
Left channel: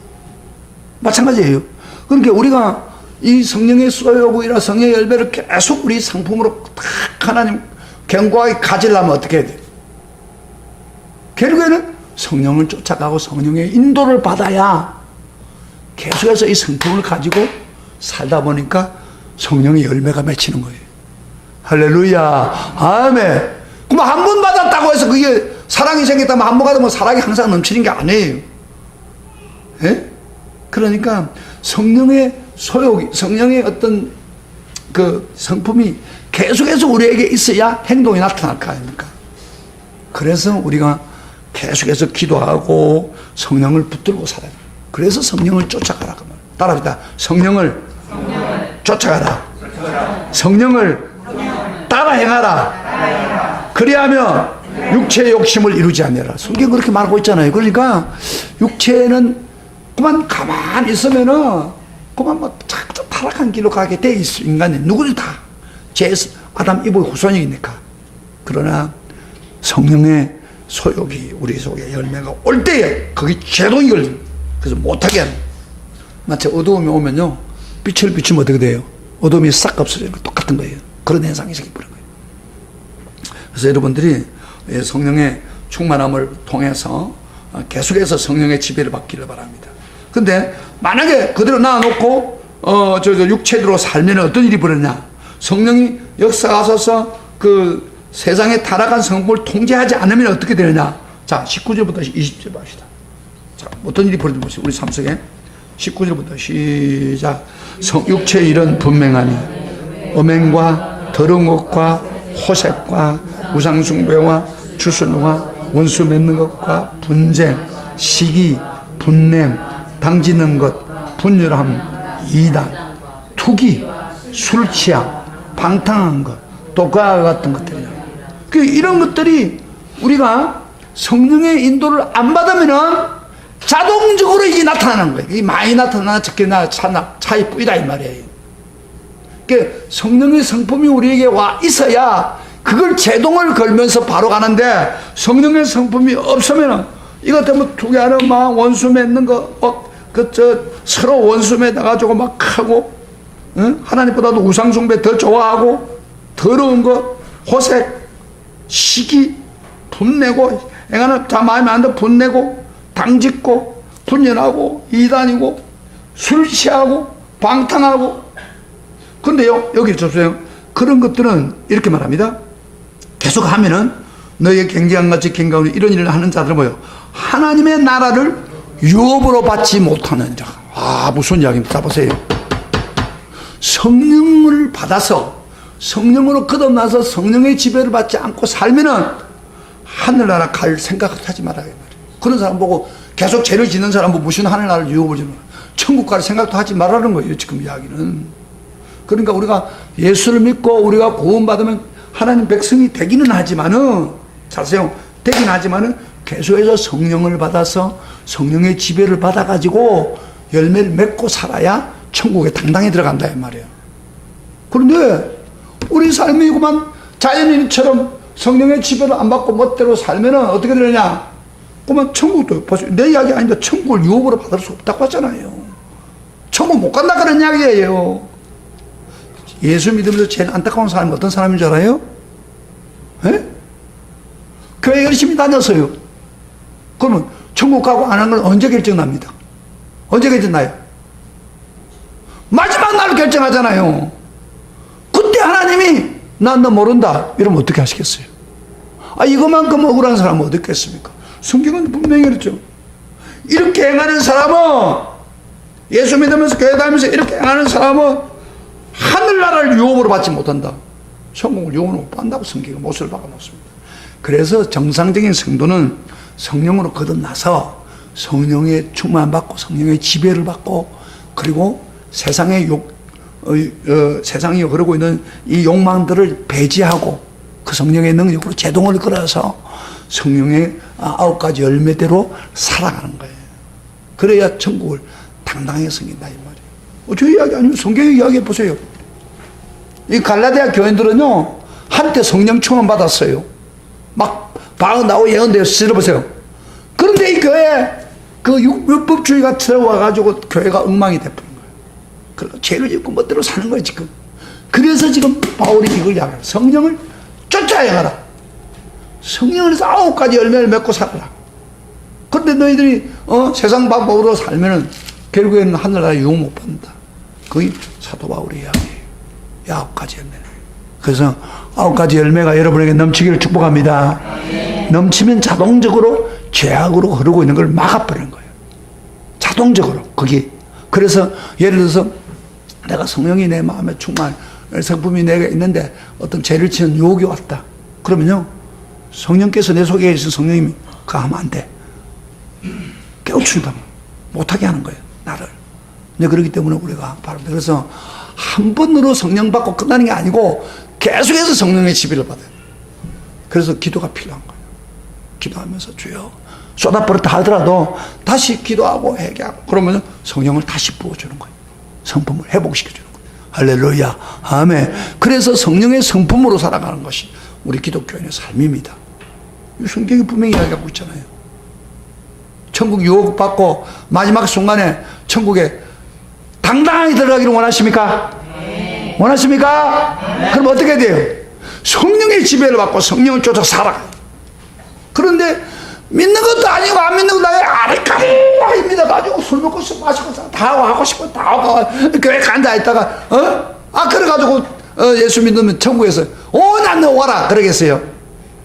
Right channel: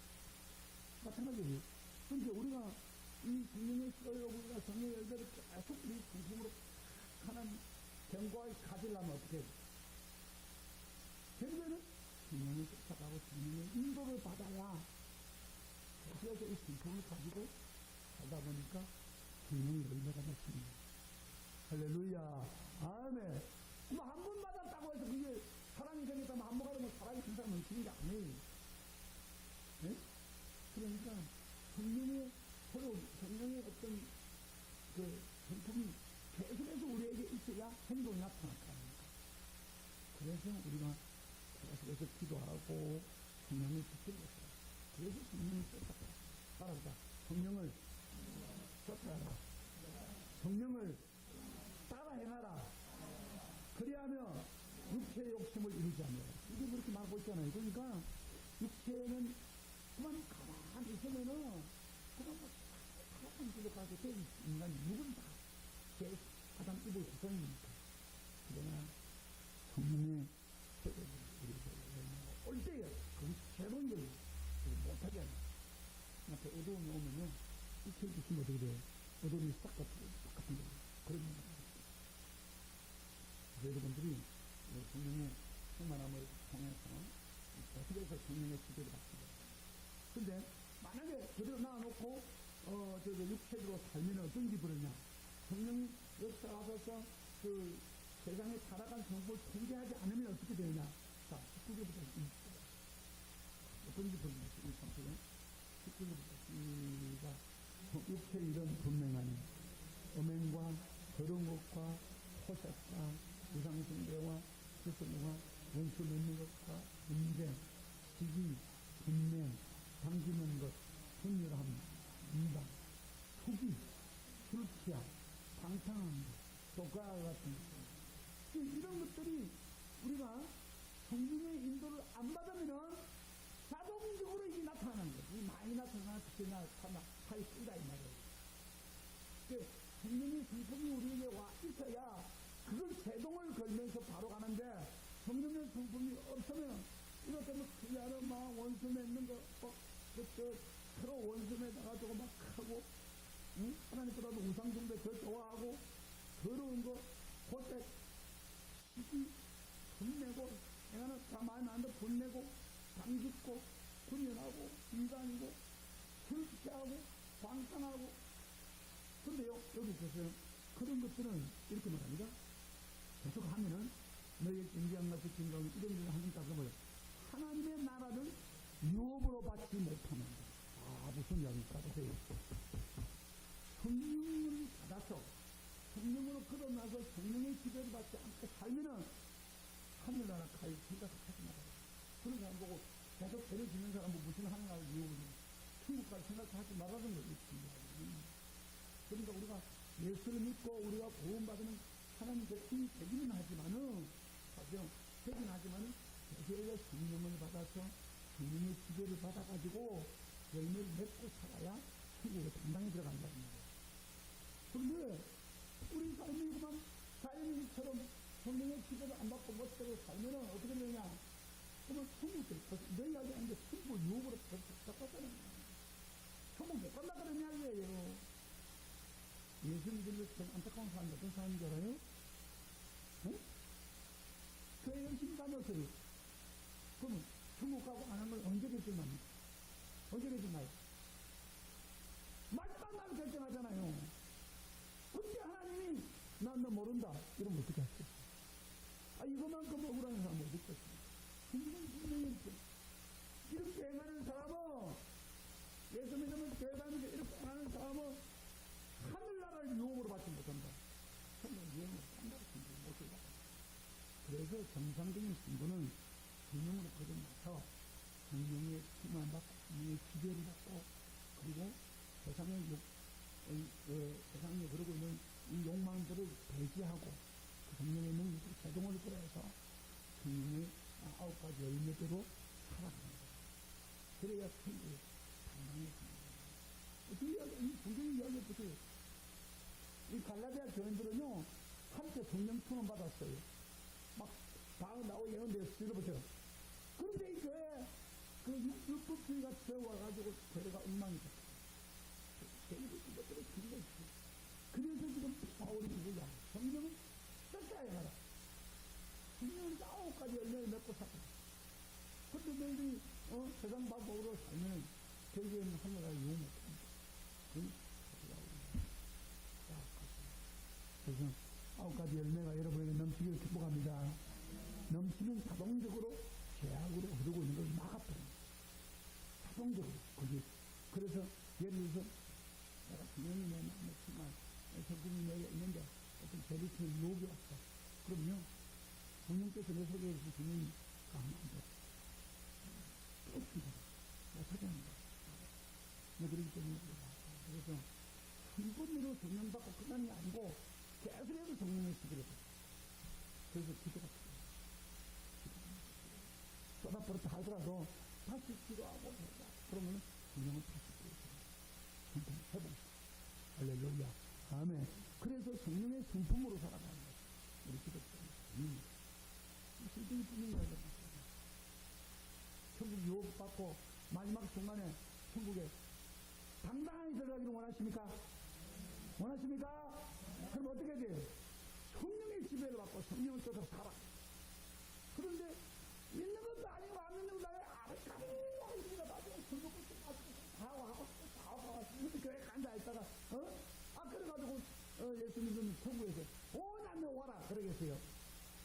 마찬가지예요. 그러니까 우리가 이 성령의 소욕이나 성령의 열매를 계속 우리 상품으로 딱 하나님 견고하게 가지려면 어떻게 해야 돼요? 결국에는 성령을 쫓아가고 성령의 인도를 받아야 계속해서 이 성품을 가지고 살다 보니까 성령의 열매가 맺히는 거예요. 할렐루야. 아멘. 그럼 한 번 받았다고 해서 그게 사랑이 생겼다면 한 번 받으면 사랑이 항상 넘치는 게 아니에요. 예? 그러니까 성령의 소욕이, 성령의 어떤 그 성품이 계속해서 우리에게 있어야 행동이 나타날 거 아닙니까? 그래서 우리가 계속해서 기도하고 성령을 붙들고 살아야 돼요. 그래서 성령을 쫓아가라. 따라합니다. 성령을 쫓아가라. 성령을 따라 행하라. 그리하면 육체의 욕심을 이루지 않느라. 성경 그렇게 말하고 있잖아요. 그러니까 육체는 그만 가만히 있으면은 그만 뭐 자꾸 타락한 길로 가게 돼 있어. 인간이 누구든 다 아담 이브의 후손이니까. 그러나 성령의 소욕이 우리 속에 열매가 올 때에 거기 제동이 걸립니다. 그래서 못하게 하는. 마치 어두움이 오면요 빛을 비추면 어떻게 돼요? 어둠이 싹 없어지는 거 똑같은 거예요. 그런 현상이 생겨버린 거예요. 그래서 여러분들이 성령의 충만함을 통해서 계속해서 성령의 지배를 받기를 바랍니다. 근데 만약에 그대로 놔놓고 육체대로 살면 어떤 일이 벌어지냐? 성령이 역사하셔서 그 세상에 타락한 성품을 통제하지 않으면 어떻게 되느냐? 자, 19절부터 20절 봅시다. 자, 어떤 일이 벌어지고 우리 삶 속에 19절부터 시작. 육체의 일은 분명하니 음행과 더러운 것과 호색과 우상숭배와 주술과 원수 맺는 것과 분쟁, 시기, 분냄, 당지는 것, 분열함, 이단, 투기, 술 취함, 방탕한 것, 또 그와 같은 것들이야. 이런 것들이 우리가 성령의 인도를 안 받으면은 자동적으로 이게 나타나는 거예요. 이게 많이 나타나 적게 나타나 차이 뿌이다 이 말이에요. 그러니까 성령의 성품이 우리에게 와 있어야 그걸 제동을 걸면서 바로 가는데, 성령의 성품이 없으면은 이것 때문에 두 개 하는 막 원수 맺는 거, 서로 원수 맺어가지고 막 하고, 응? 하나님보다도 우상숭배 더 좋아하고, 더러운 거, 호색, 시기, 분내고, 애가는 자 마음에 안 들어 분내고, 당짓고, 분열하고, 이단이고, 술 취하고, 방탕하고. 근데요, 여기 보세요. 그런 것들은 이렇게 말합니다. 계속 하면은 너희의 경계함같이 경계하는 이런 일을 하는 자들은 뭐예요? 하나님의 나라를 유업으로 받지 못하는 자. 아, 무슨 이야기입니까? 자, 보세요. 성령을 받아서 성령으로 거듭나서 성령의 지배를 받지 않고 살면은 하늘나라 갈 생각을 하지 말아야 말이에요. 그런 사람 보고 계속 죄를 짓는 사람 보고 무슨 하늘나라를 유업을 주는, 천국 갈 생각도 하지 말라는 거예요, 지금 이야기는. 그러니까 우리가 예수를 믿고 우리가 구원받으면 하나님 백성이 되기는 하지만은, 자세요, 되긴 하지만은 계속해서 성령을 받아서 성령의 지배를 받아가지고 열매를 맺고 살아야 천국에 당당히 들어간다 이 말이에요. 그런데 우리 삶이 그만 자연인처럼 성령의 지배를 안 받고 멋대로 살면은 어떻게 되느냐? 그만 천국도, 내 이야기 아닌데 천국을 유업으로 받을 수 없다고 하잖아요. 천국 못 간다 그런 이야기예요. 예수 믿으면서 제일 안타까운 사람이 어떤 사람인 줄 알아요? 에? 교회 열심히 다녔어요. 그러면 천국 가고 안 하는 건 언제 결정납니다? 언제 결정나요? 마지막 날 결정하잖아요. 그때 하나님이 난 너 모른다 이러면 어떻게 하시겠어요? 아, 이거만큼 억울한 사람은 어디 있겠습니까? 성경은 분명히 그랬죠. 이렇게 행하는 사람은, 예수 믿으면서 교회 다니면서 이렇게 행하는 사람은 하늘나라를 유업으로 받지 못한다. 천국을 유업으로 못 받는다고 성경이 못을 박아놓습니다. 그래서 정상적인 성도는 성령으로 거듭나서 성령의 충만 받고 성령의 지배를 받고, 그리고 세상의 세상이 흐르고 있는 이 욕망들을 배제하고 그 성령의 능력으로 제동을 걸어서 성령의 9가지 열매대로 살아가는 거예요. 그래야 천국을 당당하게 섬긴다 이 말이에요. 저 이야기 아니면 성경의 이야기 해보세요. 이 갈라디아 교인들은요, 한때 성령 충만 받았어요. 막 방언나고 예언되어 들어보세요. 그런데 이 교회에 그 율법주의가 들어와가지고 교회가 엉망이 돼버린 거예요. 그래서 죄를 짓고 멋대로 사는 거예요, 지금. 그래서 지금 바울이 이걸 이야기해요. 성령을 쫓아 행하라. 성령에서 9가지 열매를 맺고 살아라. 그런데 너희들이 세상 방법으로 살면은 결국에는 하늘나라 유업 못 받는다. 그게 사도 바울의 이야기예요. 9가지 열매. 그래서 9가지 열매가 여러분에게 넘치기를 축복합니다. 넘치면 자동적으로 죄악으로 흐르고 있는 걸 막아버리는 거예요. 자동적으로. 그게. 그래서 예를 들어서 내가 성령이 내 마음에 충만, 성품이 내게 있는데 어떤 죄를 지은 유혹이 왔다. 그러면요, 성령께서 내 속에 있는 성령님이 그거 하면 안 돼. 깨우친다. 못하게 하는 거예요, 나를. 근데 그렇기 때문에 우리가 바로, 그래서 한 번으로 성령 받고 끝나는 게 아니고 계속해서 성령의 지배를 받아요. 그래서 기도가 필요한 거예요. 기도하면서 주여 쏟아버렸다 하더라도 다시 기도하고 회개하고 그러면 성령을 다시 부어주는 거예요. 성품을 회복시켜주는 거예요. 할렐루야, 아멘. 그래서 성령의 성품으로 살아가는 것이 우리 기독교인의 삶입니다. 이 성경이 분명히 이야기하고 있잖아요. 천국 유업 받고 마지막 순간에 천국에 당당하게 들어가기를 원하십니까? 네. 원하십니까? 네. 그럼 어떻게 돼요? 성령의 지배를 받고 성령을 쫓아 살아가요. 그런데 믿는 것도 아니고 안 믿는 것도 아니고 아리까리 믿어가지고 술 먹고 술 마시고 다 하고 싶고 다 하고 교회 간다 있다가 그래가지고 예수 믿으면 천국에서 난 너 와라 그러겠어요?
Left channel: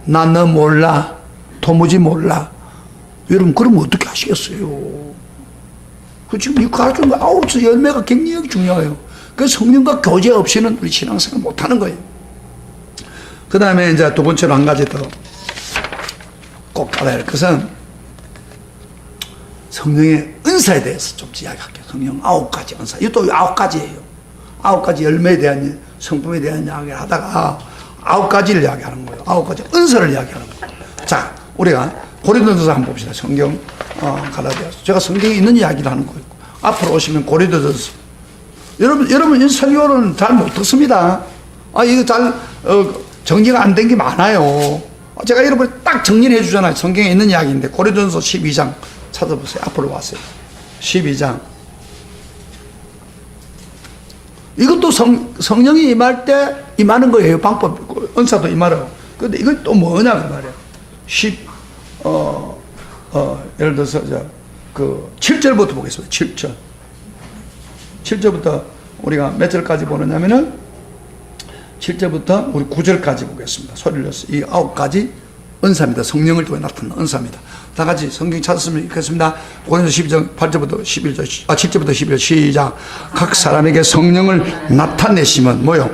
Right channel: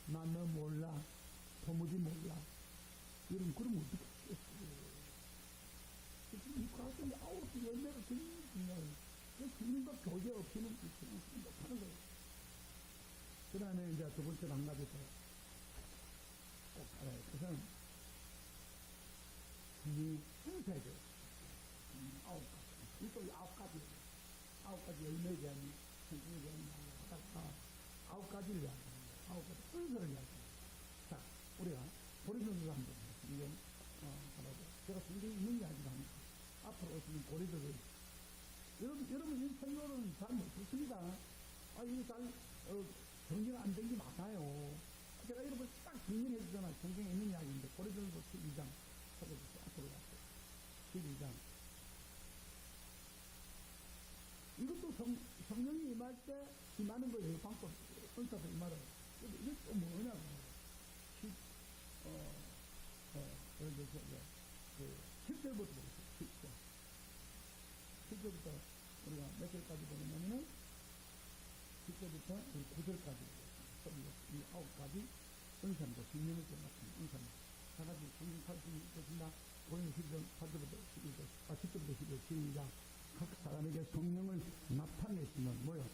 난 너 몰라. 도무지 몰라. 여러분 그러면 어떻게 하시겠어요? 그 지금 이 가르치는 거 9째 열매가 굉장히 중요해요. 그 성령과 교제 없이는 우리 신앙생활 못하는 거예요. 그 다음에 이제 두 번째로 한 가지 더 꼭 알아야 할 것은 성령의 은사에 대해서 좀 이야기할게요. 성령 9가지 은사. 이것도 9가지예요. 9가지 열매에 대한, 성품에 대한 이야기를 하다가 9가지를 이야기하는 거예요. 9가지 은사를 이야기하는 거예요. 자, 우리가 고린도전서 한번 봅시다. 성경 갈라디아서. 제가 성경에 있는 이야기를 하는 거예요. 앞으로 오시면 고린도전서. 여러분 이 설교는 잘 못 듣습니다. 이거 잘 정리가 안 된 게 많아요. 제가 여러분 딱 정리를 해주잖아요. 성경에 있는 이야기인데 고린도전서 12장 찾아보세요. 앞으로 왔어요. 12장. 이것도 성령이 임할 때 임하는 거예요. 방법, 은사도 임하라고. 근데 이건 또 뭐냐, 그 말이에요. 예를 들어서, 7절부터 보겠습니다. 7절. 7절부터 우리가 몇 절까지 보느냐면은, 7절부터 우리 9절까지 보겠습니다. 소리를 내서 이 9가지 은사입니다. 성령을 통해 나타나는 은사입니다. 다 같이 성경 찾았으면 읽겠습니다. 고린도서 12장 8절부터 11절, 7절부터 11절 시작. 각 사람에게 성령을 나타내시면 뭐요?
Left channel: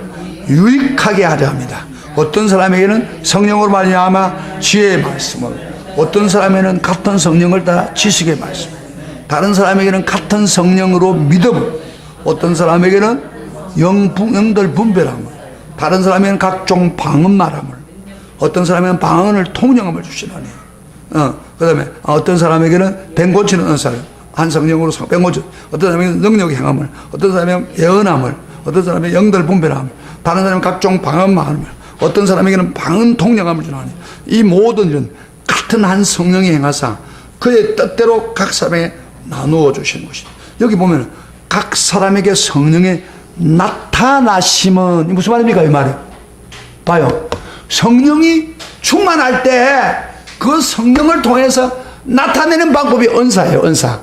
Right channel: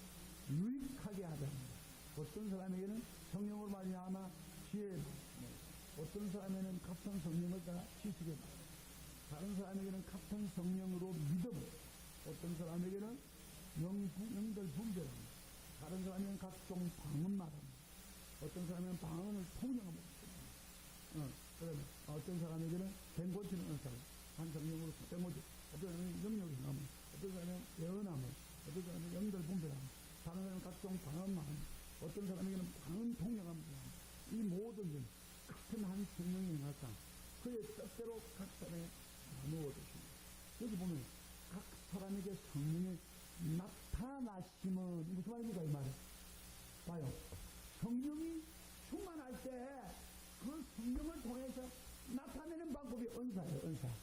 유익하게 하려 합니다. 어떤 사람에게는 성령으로 말미암아 지혜의 말씀을, 어떤 사람에게는 같은 성령을 따라 지식의 말씀, 다른 사람에게는 같은 성령으로 믿음을, 어떤 사람에게는 영들 분별함을, 다른 사람에게는 각종 방언 말함을, 어떤 사람에게는 방언을 통령함을 주시나니, 그 다음에 어떤 사람에게는 뱀 고치는 은사를, 한 성령으로 뱀 고치, 어떤 사람에게는 능력의 행함을, 어떤 사람에게는 예언함을, 어떤 사람에게는 영들 분별함을, 다른 사람은 각종 방언 말함을, 어떤 사람에게는 방언 통령함을 주나니, 이 모든 일은 같은 한 성령이 행하사 그의 뜻대로 각 사람에게 나누어 주시는 것이다. 여기 보면 각 사람에게 성령의 나타나심은 무슨 말입니까? 이 말이 봐요. 성령이 충만할 때 그 성령을 통해서 나타내는 방법이 은사예요. 은사.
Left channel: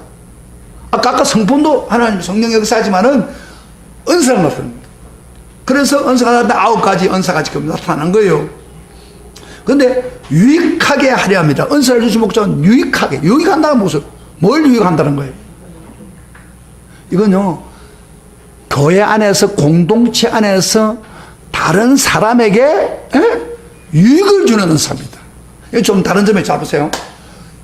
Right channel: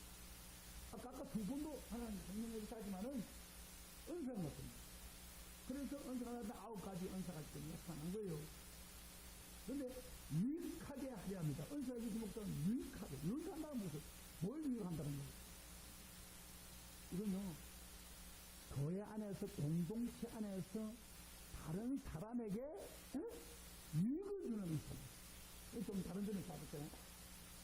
아까 성품도 하나님 성령 역사지만은 은사를 나타냅니다. 그래서 은사가 나타나 9가지 은사가 지금 나타나는 거예요. 그런데 유익하게 하려 합니다. 은사를 주신 목적은 유익하게. 유익한다는 모습. 뭘 유익한다는 거예요? 이건요, 교회 안에서, 공동체 안에서 다른 사람에게 유익을 주는 은사입니다. 좀 다른 점에 잡으세요.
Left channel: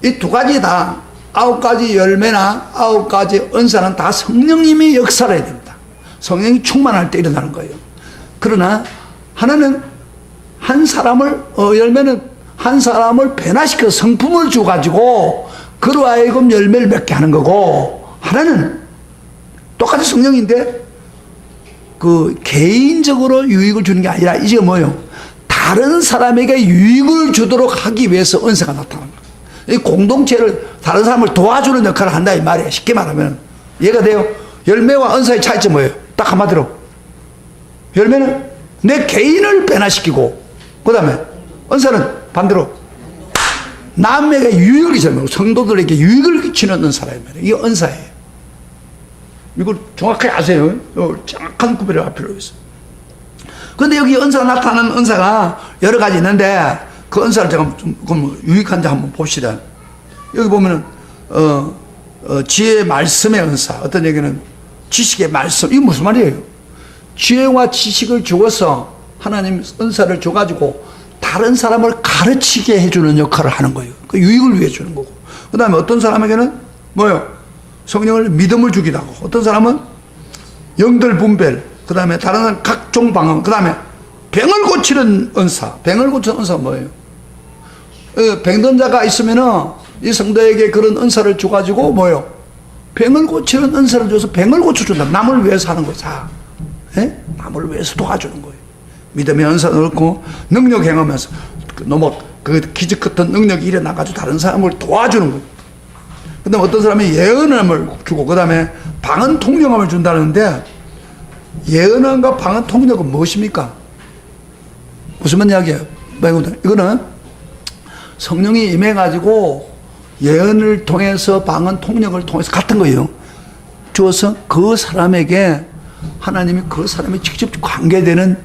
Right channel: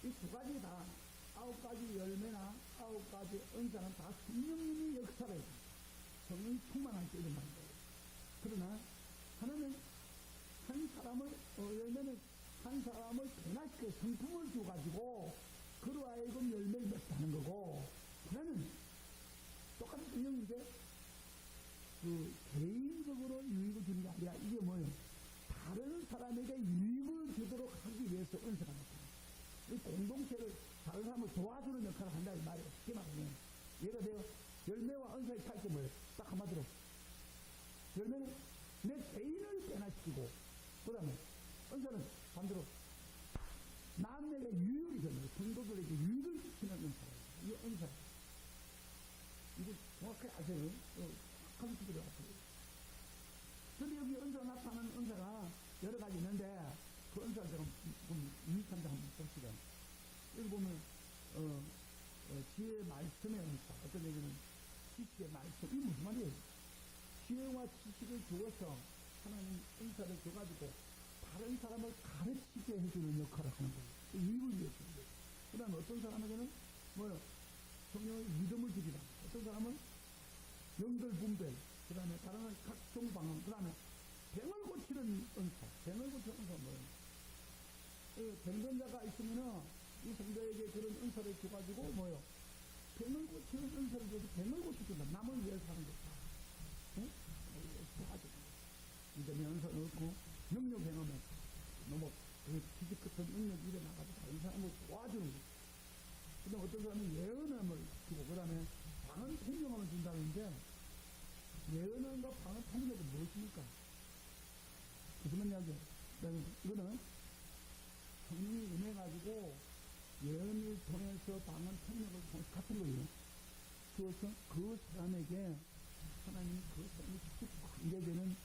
이 두 가지 다 9가지 열매나 9가지 은사는 다 성령님이 역사를 해야 됩니다. 성령이 충만할 때 일어나는 거예요. 그러나 하나는 한 사람을 열매는 한 사람을 변화시켜 성품을 주가지고 그로 하여금 열매를 맺게 하는 거고, 하나는 똑같은 성령인데 그 개인적으로 유익을 주는 게 아니라 이제 뭐예요? 다른 사람에게 유익을 주도록 하기 위해서 은사가 나타나는 거예요. 이 공동체를 다른 사람을 도와주는 역할을 한다 이 말이에요. 쉽게 말하면 이해가 돼요? 열매와 은사의 차이점이 뭐예요? 딱 한마디로 열매는 내 개인을 변화시키고, 그 다음에 은사는 반대로 남에게 유익을 주는, 성도들에게 유익을 끼치는 은사라 이 말이에요. 이게 은사예요. 이걸 정확하게 아세요. 정확한 구별을 할 필요가 있어요. 그런데 여기 은사가 나타나는 은사가 여러 가지 있는데 그 은사를 제가 좀 그럼 유익한지 한번 봅시다. 여기 보면은 지혜의 말씀의 은사, 어떤 얘기는 지식의 말씀, 이게 무슨 말이에요? 지혜와 지식을 주어서 하나님 은사를 줘가지고 다른 사람을 가르치게 해주는 역할을 하는 거예요. 그 유익을 위해 주는 거고. 그 다음에 어떤 사람에게는 뭐예요? 성령을 믿음을 주기도 하고, 어떤 사람은 영들 분별, 그 다음에 다른 사람은 각종 방언, 그 다음에 병을 고치는 은사. 병을 고치는 은사가 뭐예요? 병든 자가 있으면은 이 성도에게 그런 은사를 줘가지고 뭐예요? 병을 고치는 은사를 줘서 병을 고쳐준다. 남을 위해서 하는 거죠. 남을 위해서 도와주는 거예요. 믿음의 은사도 그렇고 능력 행하면서 너무 그 기적 같은 능력이 일어나가지고 다른 사람을 도와주는 거예요. 그 다음에 어떤 사람이 예언함을 주고, 그 다음에 방언 통령함을 준다는데, 예언함과 방언 통령은 무엇입니까? 무슨 이야기예요? 이거는 성령이 임해가지고 예언을 통해서 방언 통역을 통해서 같은 거예요. 주어서 그 사람에게 하나님이 그 사람이 직접 관계되는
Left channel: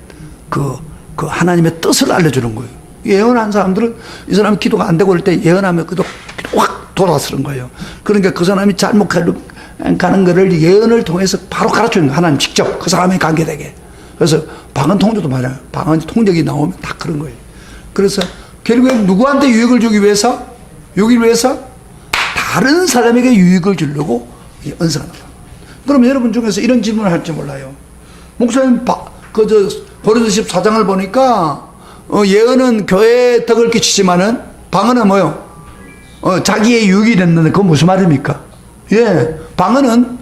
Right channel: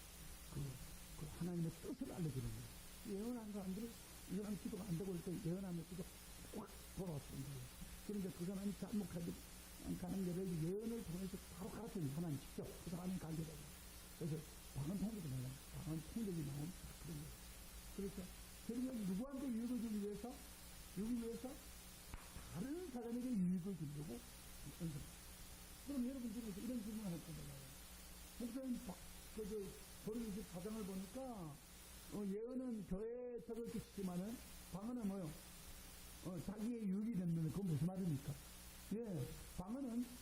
그 하나님의 뜻을 알려주는 거예요. 예언한 사람들은 이 사람이 기도가 안 되고 그럴 때 예언하면 기도 확 돌아서는 거예요. 그러니까 그 사람이 잘못 가는 거를 예언을 통해서 바로 가르쳐주는 거예요. 하나님 직접 그 사람이 관계되게. 그래서 방언 통역도 말이에요. 방언 통역이 나오면 다 그런 거예요. 그래서 결국엔 누구한테 유익을 주기 위해서? 유익을 위해서? 다른 사람에게 유익을 주려고 이 은사가 나타납니다. 그럼 여러분 중에서 이런 질문을 할지 몰라요. 목사님, 고린도서 14장을 보니까 예언은 교회에 덕을 끼치지만은 방언은 뭐요? 자기의 유익이 됐는데 그건 무슨 말입니까? 예, 방언은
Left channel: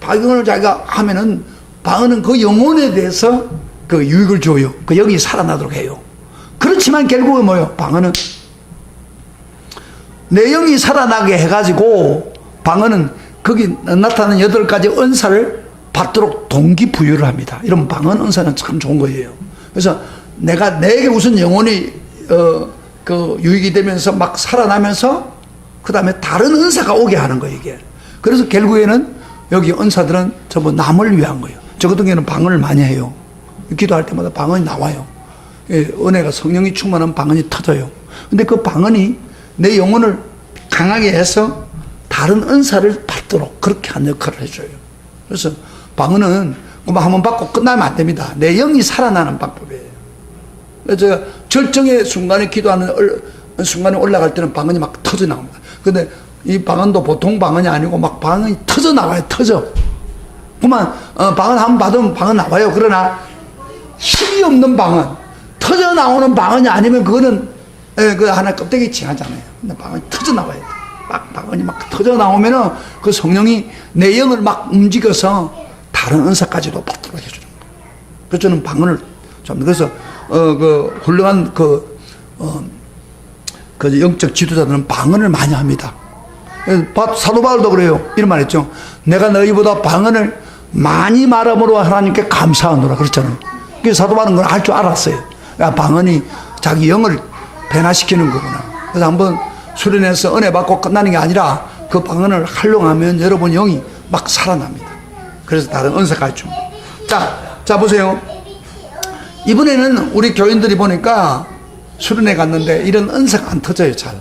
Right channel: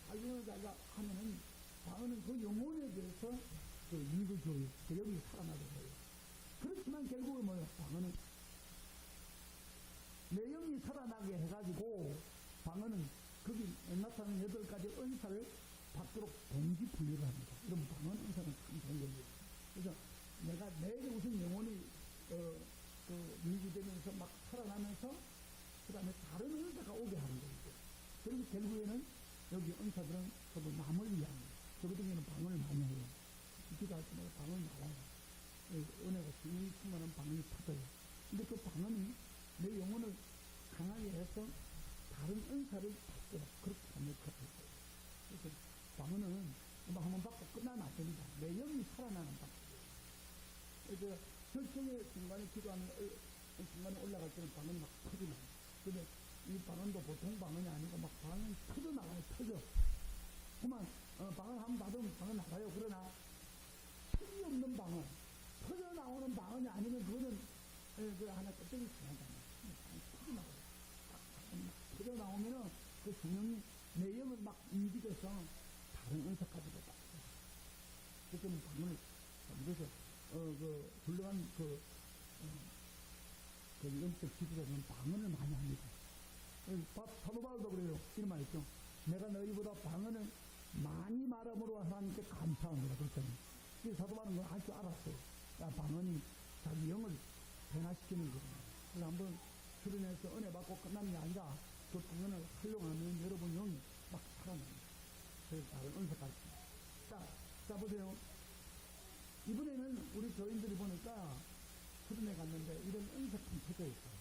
방언을 자기가 하면은 방언은 그 영혼에 대해서 그 유익을 줘요. 그 영이 살아나도록 해요. 그렇지만 결국은 뭐요? 방언은 내 영이 살아나게 해가지고 방언은 거기 나타나는 8가지 은사를 받도록 동기부여를 합니다. 이런 방언 은사는 참 좋은 거예요. 그래서 내게 우선 영혼이 그 유익이 되면서 막 살아나면서 그 다음에 다른 은사가 오게 하는 거예요, 이게. 그래서 결국에는 여기 은사들은 전부 남을 위한 거예요. 저 같은 경우는 방언을 많이 해요. 기도할 때마다 방언이 나와요. 은혜가 성령이 충만한 방언이 터져요. 근데 그 방언이 내 영혼을 강하게 해서 다른 은사를 받도록 그렇게 한 역할을 해줘요. 그래서 방언은 뭐 한번 받고 끝나면 안 됩니다. 내 영이 살아나는 방법이에요. 그래서 제가 절정의 순간에 기도하는 순간에 올라갈 때는 방언이 막 터져 나옵니다. 근데 이 방언도 보통 방언이 아니고 막 방언이 터져 나와요. 터져. 그만 방언 한번 받으면 방언 나와요. 그러나 힘이 없는 방언, 터져 나오는 방언이 아니면 그거는 그 하나 껍데기 칭하잖아요. 근데 방언이 터져 나와요. 막 방언이 막 터져 나오면은 그 성령이 내 영을 막 움직여서 다른 은사까지도 받도록 해주는 거예요. 그래서 저는 방언을 좀 그래서 그 훌륭한 그 영적 지도자들은 방언을 많이 합니다. 사도 바울도 그래요. 이런 말 했죠. 내가 너희보다 방언을 많이 말함으로 하나님께 감사하노라 그랬잖아요. 그래서 사도 바울은 그걸 할 줄 알았어요. 야, 방언이 자기 영을 변화시키는 거구나. 그래서 한번 수련해서 은혜 받고 끝나는 게 아니라 그 방언을 활용하면 여러분 영이 막 살아납니다. 그래서 다른 은사까지 줍니다. 자 보세요. 이번에는 우리 교인들이 보니까 수련회 갔는데 이런 은사가 안 터져요, 잘.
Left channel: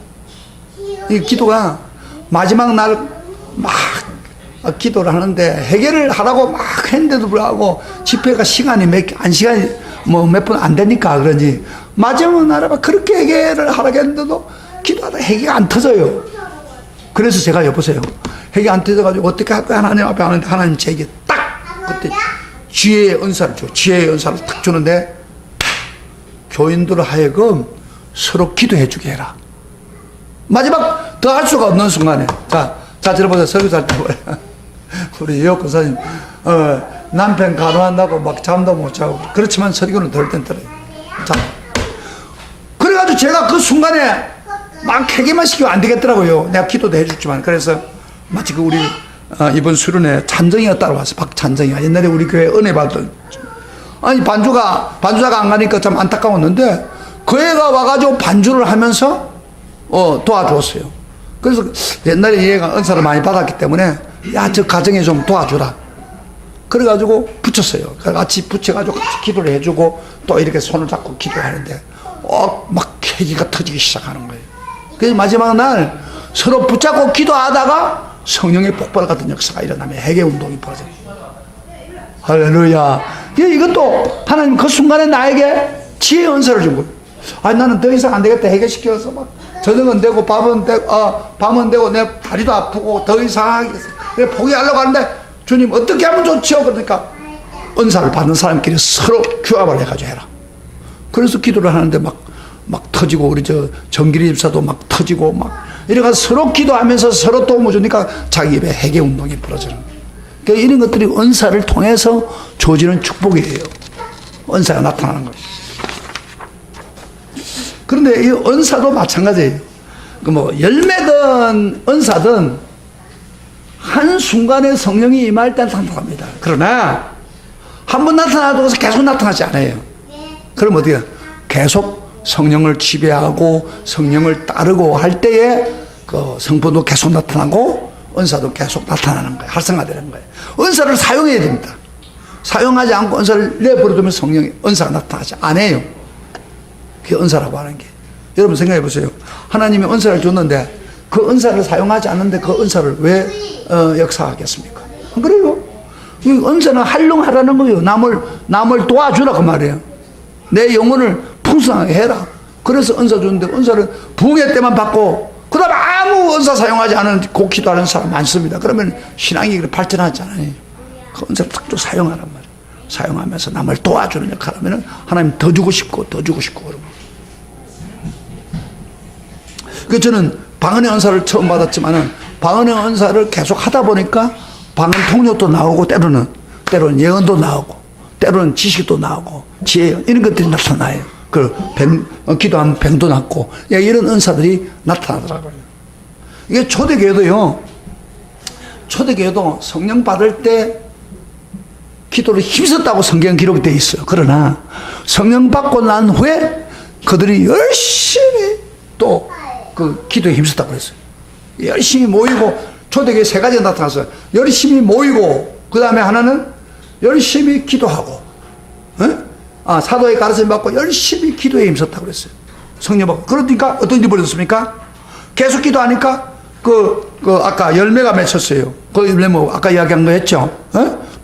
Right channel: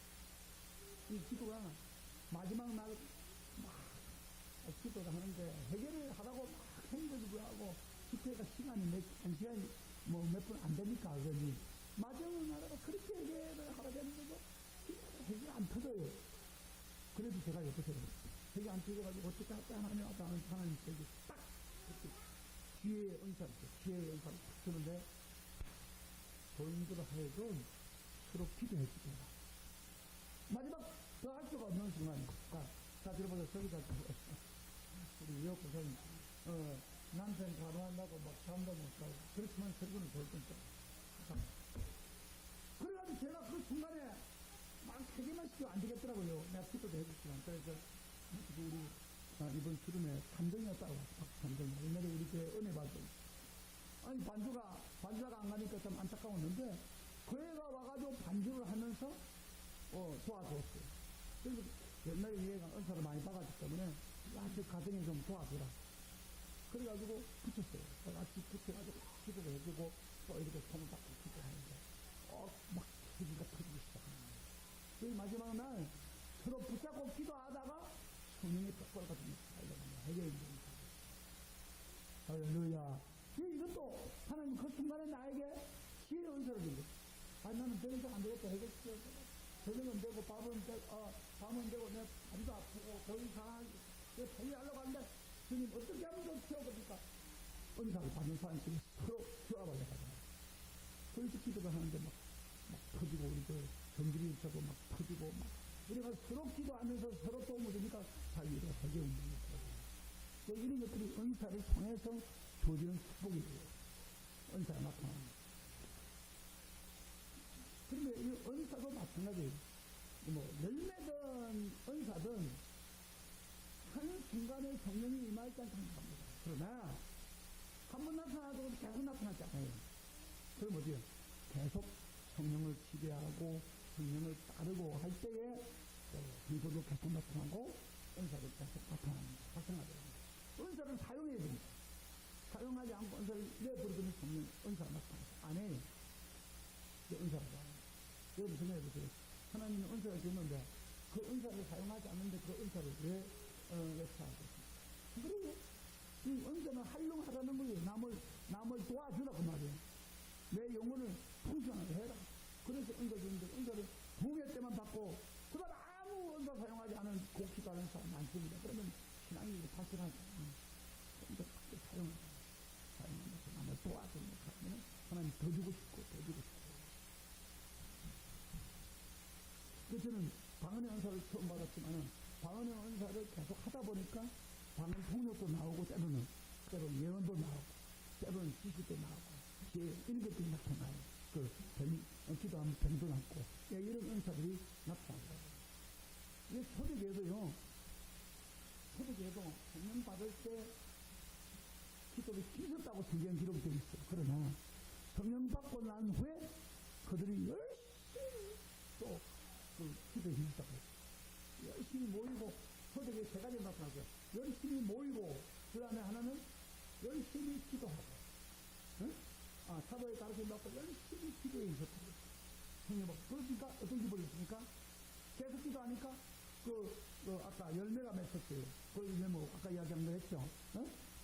이 기도가 마지막 날 막 기도를 하는데 해결을 하라고 막 했는데도 불구하고 집회가 시간이 몇 분 안 되니까 그러지. 마지막 날에 막 그렇게 해결을 하라고 했는데도 기도하다 해결이 안 터져요. 그래서 제가 여보세요. 해결이 안 터져가지고 어떻게 할 거야 하나님 앞에 하는데 하나님 제게 딱 그때 지혜의 은사를 줘. 지혜의 은사를 딱 주는데 교인들 하여금 서로 기도해 주게 해라. 마지막 더 할 수가 없는 순간에 자 들어보세요. 설교할 때 우리 여고사님 남편 간호한다고 막 잠도 못 자고 그렇지만 설교는 덜 땐 들어요. 자 그래가지고 제가 그 순간에 막 회개만 시키면 안 되겠더라고요. 내가 기도도 해줬지만 그래서 마치 그 우리 이번 수련회 찬정이가 따라왔어. 박찬정이가 옛날에 우리 교회 은혜 받던 아니 반주자가 안 가니까 참 안타까웠는데 그 애가 와가지고 반주를 하면서 도와줬어요. 그래서 옛날에 얘가 은사를 많이 받았기 때문에 야 저 가정에 좀 도와주라. 그래가지고 붙였어요. 같이 붙여가지고 같이 기도를 해주고 또 이렇게 손을 잡고 기도하는데 막 계기가 터지기 시작하는 거예요. 그래서 마지막 날 서로 붙잡고 기도하다가 성령의 폭발 같은 역사가 일어나면 회개운동이 벌어져요. 할렐루야. 이것도 하나님 그 순간에 나에게 지혜의 은사를 준 거예요. 아니 나는 더 이상 안 되겠다 해결시켜서 막 저녁은 되고 밤은 되고 내 다리도 아프고 더 이상 하겠어. 그래 포기하려고 하는데 주님 어떻게 하면 좋지요? 그러니까 은사를 받는 사람끼리 서로 규합을 해가지고 해라. 그래서 기도를 하는데 막 터지고 우리 정길이 집사도 막 터지고 막 이래가 서로 기도하면서 서로 도움을 주니까 자기 입에 회개 운동이 벌어지는 거예요. 그러니까 이런 것들이 은사를 통해서 주어지는 축복이에요. 은사가 나타나는 거예요. 그런데 이 은사도 마찬가지예요. 열매든 은사든 한 순간에 성령이 임할 때 나타납니다. 그러나 한 번 나타나도 계속 나타나지 않아요. 그럼 어떻게 계속 성령을 지배하고 성령을 따르고 할 때에 그 성품도 계속 나타나고 은사도 계속 나타나는 거예요. 활성화되는 거예요. 은사를 사용해야 됩니다. 사용하지 않고 은사를 내버려두면 성령의 은사가 나타나지 않아요. 그게 은사라고 하는 게. 여러분 생각해 보세요. 하나님이 은사를 줬는데 그 은사를 사용하지 않는데 그 은사를 왜 역사하겠습니까? 그래요. 이 은사는 활용하라는 거예요. 남을 도와주라 그 말이에요. 내 영혼을 풍성하게 해라. 그래서 은사 줬는데 은사를 부흥회 때만 받고 그 다음에 아무 은사 사용하지 않은 곡기도 하는 사람 많습니다. 그러면 신앙이 발전하지 않아요. 그 은사를 딱 좀 사용하란 말이에요. 사용하면서 남을 도와주는 역할을 하면 하나님 더 주고 싶고 더 주고 싶고 그러고. 그래서 저는 방언의 은사를 처음 받았지만은 방언의 은사를 계속 하다 보니까 방언 통역도 나오고 때로는 예언도 나오고 때로는 지식도 나오고 지혜 이런 것들이 나타나요. 기도하면 병도 낫고 이런 은사들이 나타나더라고요. 이게 초대교회도 성령 받을 때 기도를 힘썼다고 성경 기록되어 있어요. 그러나 성령 받고 난 후에 그들이 열심히 또 그 기도에 힘썼다고 그랬어요. 열심히 모이고 초대교회 세 가지가 나타났어요. 열심히 모이고 그 다음에 하나는 열심히 기도하고 사도의 가르침을 받고 열심히 기도에 힘썼다고 그랬어요. 성령 받고. 그러니까 어떤 일이 벌어졌습니까? 계속 기도하니까 아까 열매가 맺혔어요. 그 열매 뭐 아까 이야기한 거 했죠.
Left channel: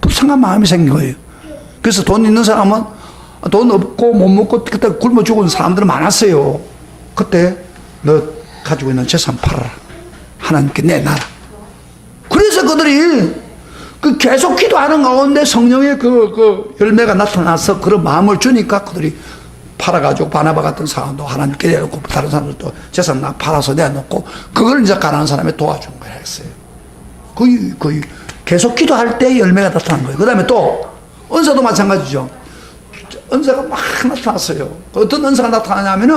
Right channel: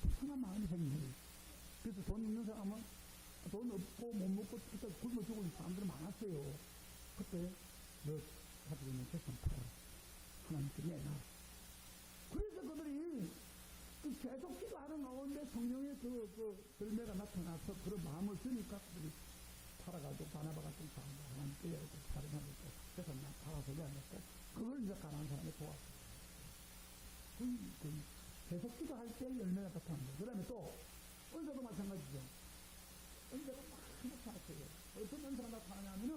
불쌍한 마음이 생긴 거예요. 그래서 돈 있는 사람은 돈 없고 못 먹고 그때 굶어 죽은 사람들은 많았어요. 그때 너 가지고 있는 재산 팔아라. 하나님께 내놔라. 그래서 그들이 계속 기도하는 가운데 성령의 열매가 나타나서 그런 마음을 주니까 그들이 팔아가지고 바나바 같은 사람도 하나님께 내놓고 다른 사람들도 재산 팔아서 내놓고 그걸 이제 가난한 사람이 도와준 거야 했어요. 거의 계속 기도할 때 열매가 나타난 거예요. 그 다음에 또 은사도 마찬가지죠. 은사가 막 나타났어요. 어떤 은사가 나타나냐면은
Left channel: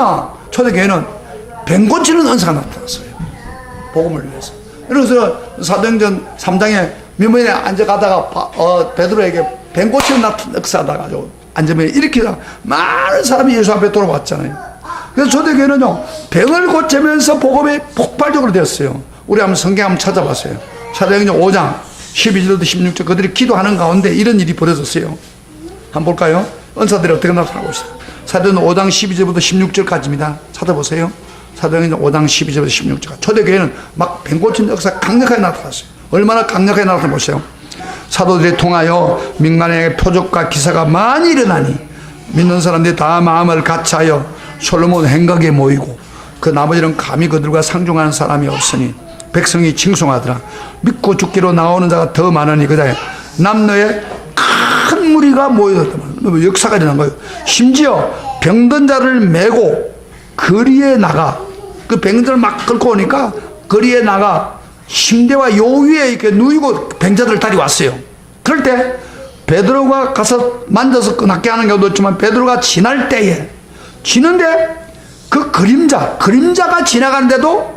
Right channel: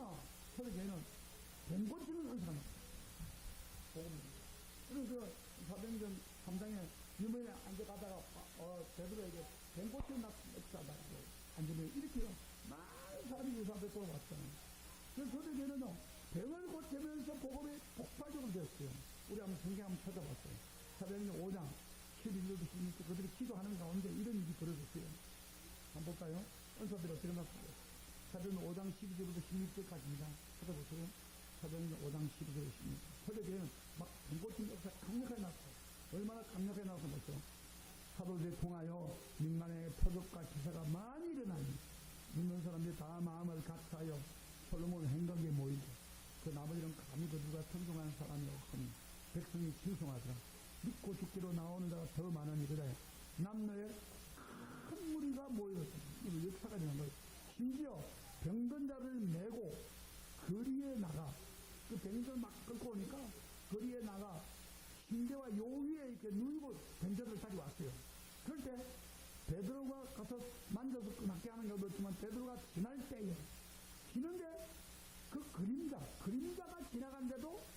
초대교회는 병 고치는 은사가 나타났어요. 복음을 위해서. 그래서 사도행전 3장에 미문에 앉아가다가 베드로에게 병 고치는 역사하다 가지고 앉으면 일으키다 많은 사람이 예수 앞에 돌아왔잖아요. 그래서 초대교회는요 병을 고치면서 복음이 폭발적으로 되었어요. 우리 한번 성경 한번 찾아봤어요. 사도행전 5장 12절부터 16절 그들이 기도하는 가운데 이런 일이 벌어졌어요. 한번 볼까요? 은사들이 어떻게 나타나고 있어요. 사도행전 5장 12절부터 16절까지입니다. 찾아보세요. 사도행전 5장 12절부터 16절. 초대교회는 막 병 고치는 역사가 강력하게 나타났어요. 얼마나 강력하게 나타나 보세요. 사도들이 통하여 민간의 표적과 기사가 많이 일어나니 믿는 사람들이 다 마음을 같이하여 솔로몬 행각에 모이고 그 나머지는 감히 그들과 상종하는 사람이 없으니 백성이 칭송하더라. 믿고 죽기로 나오는 자가 더 많으니 그다음에 남녀의 큰 무리가 모여들었다. 역사가 일어난 거예요. 심지어 병든 자를 메고 거리에 나가 그 병들을 막 끌고 오니까 거리에 나가 침대와 요 위에 이렇게 누이고 병자들을 다리 왔어요. 그럴 때 베드로가 가서 만져서 낫게 하는 경우도 있지만 베드로가 지날 때에 지는데 그 그림자가 지나가는데도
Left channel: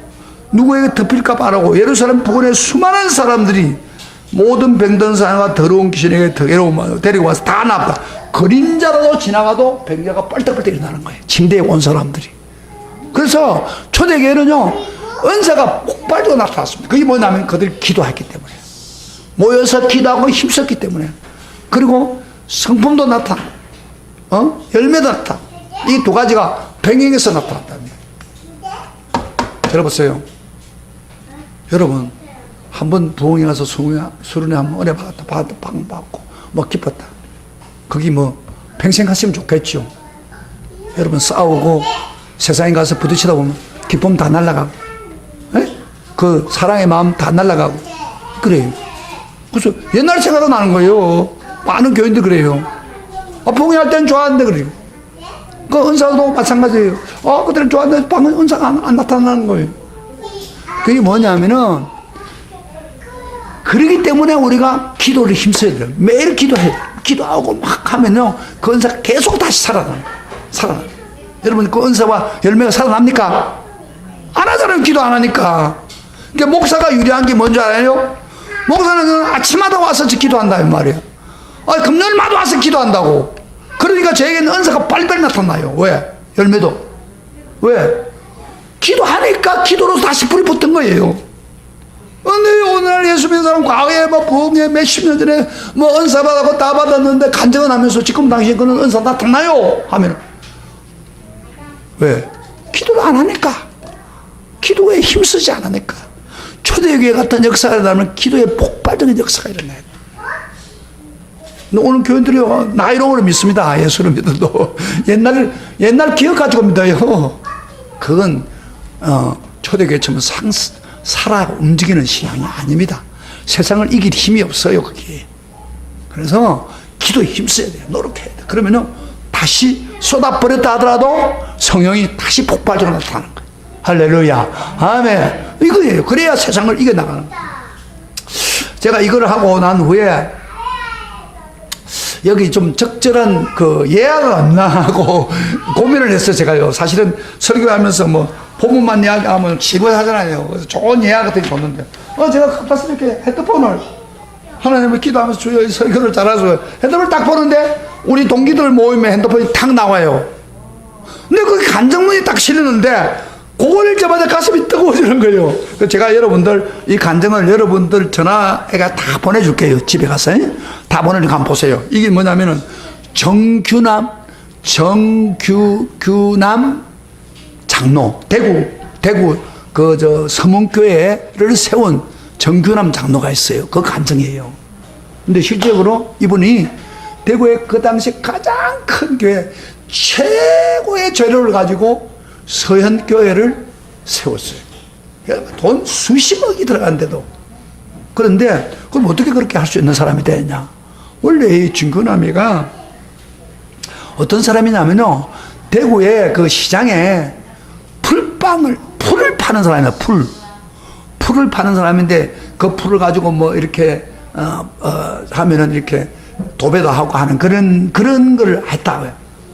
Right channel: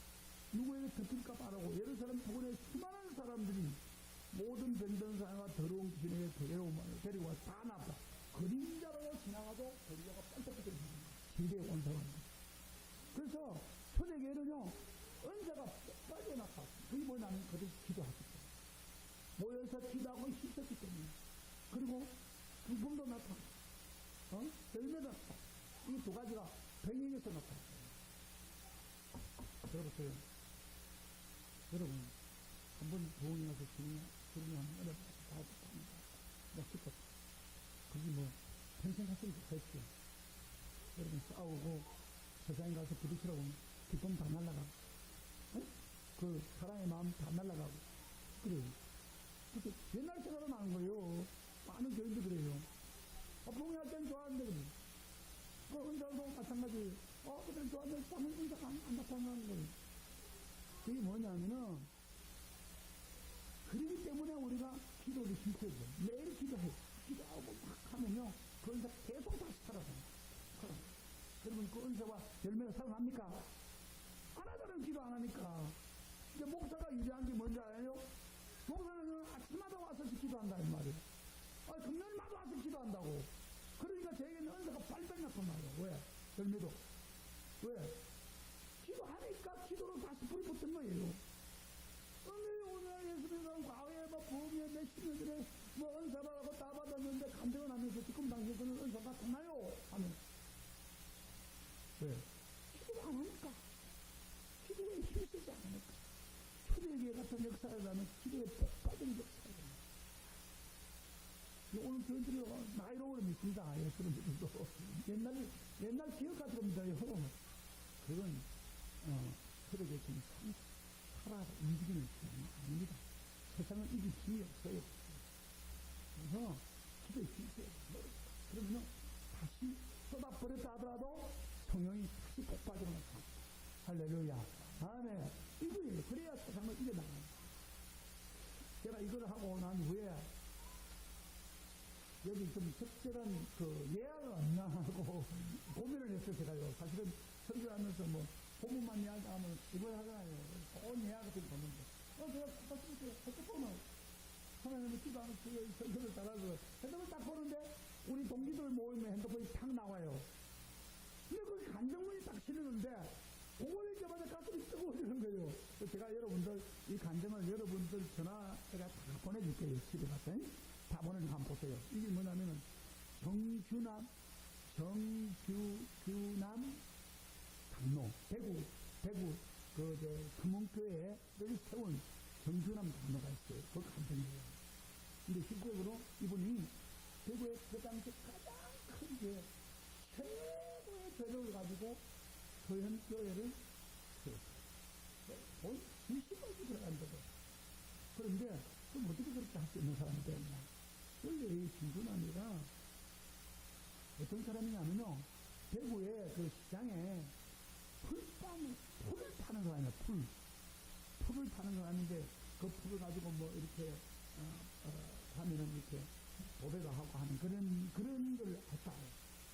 누구에게 덮일까 바라고 예루살렘 부근에 수많은 사람들이 모든 병든 사람과 더러운 귀신에게 데리고 와서 다 납다. 그림자라도 지나가도 병자가 뻘떡뻘떡 일어나는 거예요. 침대에 온 사람들이. 그래서 초대교회는요 은사가 폭발적으로 나타났습니다. 그게 뭐냐면 그들이 기도했기 때문에 모여서 기도하고 힘썼기 때문에 그리고 성품도 나타나 열매도 나타나 이 두 가지가 병행해서 나타났답니다. 들어보세요. 여러분 한번 부흥에 가서 수련회 한번 은혜 받았다 방 받고 뭐 기뻤다. 그게 뭐 평생 하시면 좋겠죠. 여러분 싸우고 세상에 가서 부딪히다 보면 기쁨 다 날아가고 그 사랑의 마음 다 날아가고 그래요. 그래서 옛날 생각도 나는 거예요. 많은 교인들 그래요. 부흥할 때는 좋아하는데 그래요. 그 은사도 마찬가지예요. 그때는 좋아하는데 방금 은사가 안 나타나는 거예요. 그게 뭐냐면은 그러기 때문에 우리가 기도를 힘써야 돼요. 매일 기도해야 돼요. 기도하고 막 하면요 그 은사가 계속 다시 살아나요. 여러분 그 은사와 열매가 살아납니까? 안 하잖아요. 기도 안 하니까. 그러니까 목사가 유리한 게 뭔지 알아요? 목사는 아침마다 와서 기도한다는 말이에요. 금요일마다 와서 기도한다고. 그러니까 저에게는 은사가 빨리빨리 나타나요. 왜? 열매도. 왜? 기도하니까 기도로 다시 불이 붙은 거예요. 근데 오늘 예수 믿는 사람 과거에 부흥에 몇십 년 전에 은사 받았고 다 받았는데 간증을 하면서 지금 당신 그는 은사 나타나요 하면 왜? 기도를 안 하니까. 기도에 힘쓰지 않으니까. 초대교회 같은 역사가 일어나면 기도에 폭발적인 역사가 일어나요. 오늘 교인들이 나이롱으로 믿습니다. 예수를 믿어도. 옛날 기억 가지고 믿어요. 그건, 초대교회처럼 살아 움직이는 신앙이 아닙니다. 세상을 이길 힘이 없어요, 그게. 그래서 기도에 힘써야 돼요. 노력해야 돼요. 그러면은 다시 쏟아버렸다 하더라도 성령이 다시 폭발적으로 나타나는 거예요. 할렐루야. 아멘. 이거예요. 그래야 세상을 이겨나가는 거예요. 제가 이걸 하고 난 후에 여기 좀 적절한 그 예약을 없나 하고 고민을 했어요, 제가요. 사실은 설교하면서 뭐 본문만 이야기하면 지루하잖아요. 그래서 좋은 예약 같은 게 좋는데, 제가 가서 이렇게 핸드폰을 하나님을 기도하면서 주여 설교를 잘하셔서 핸드폰을 딱 보는데 우리 동기들 모임에 핸드폰이 탁 나와요. 근데 그 간증문이 딱 실리는데 그걸 읽자마자 가슴이 뜨거워지는 거예요. 그래서 제가 여러분들 이 간증을 여러분들 전화해가 다 보내줄게요. 집에 가서 다 보내니까 한번 보세요. 이게 뭐냐면은 정규남 장로, 대구 그 저 서문교회를 세운 정규남 장로가 있어요. 그 간증이에요. 근데 실제로 이분이 대구의 그 당시 가장 큰 교회 최고의 재료를 가지고 서현교회를 세웠어요. 돈 수십억이 들어간데도. 그런데 그럼 어떻게 그렇게 할 수 있는 사람이 되냐? 원래 이 정규남이가 어떤 사람이냐면요, 대구의 그 시장에 풀을 파는 사람이에요. 풀을 파는 사람인데 그 풀을 가지고 뭐 이렇게 하면은 이렇게 도배도 하고 하는 그런 걸 했다고요,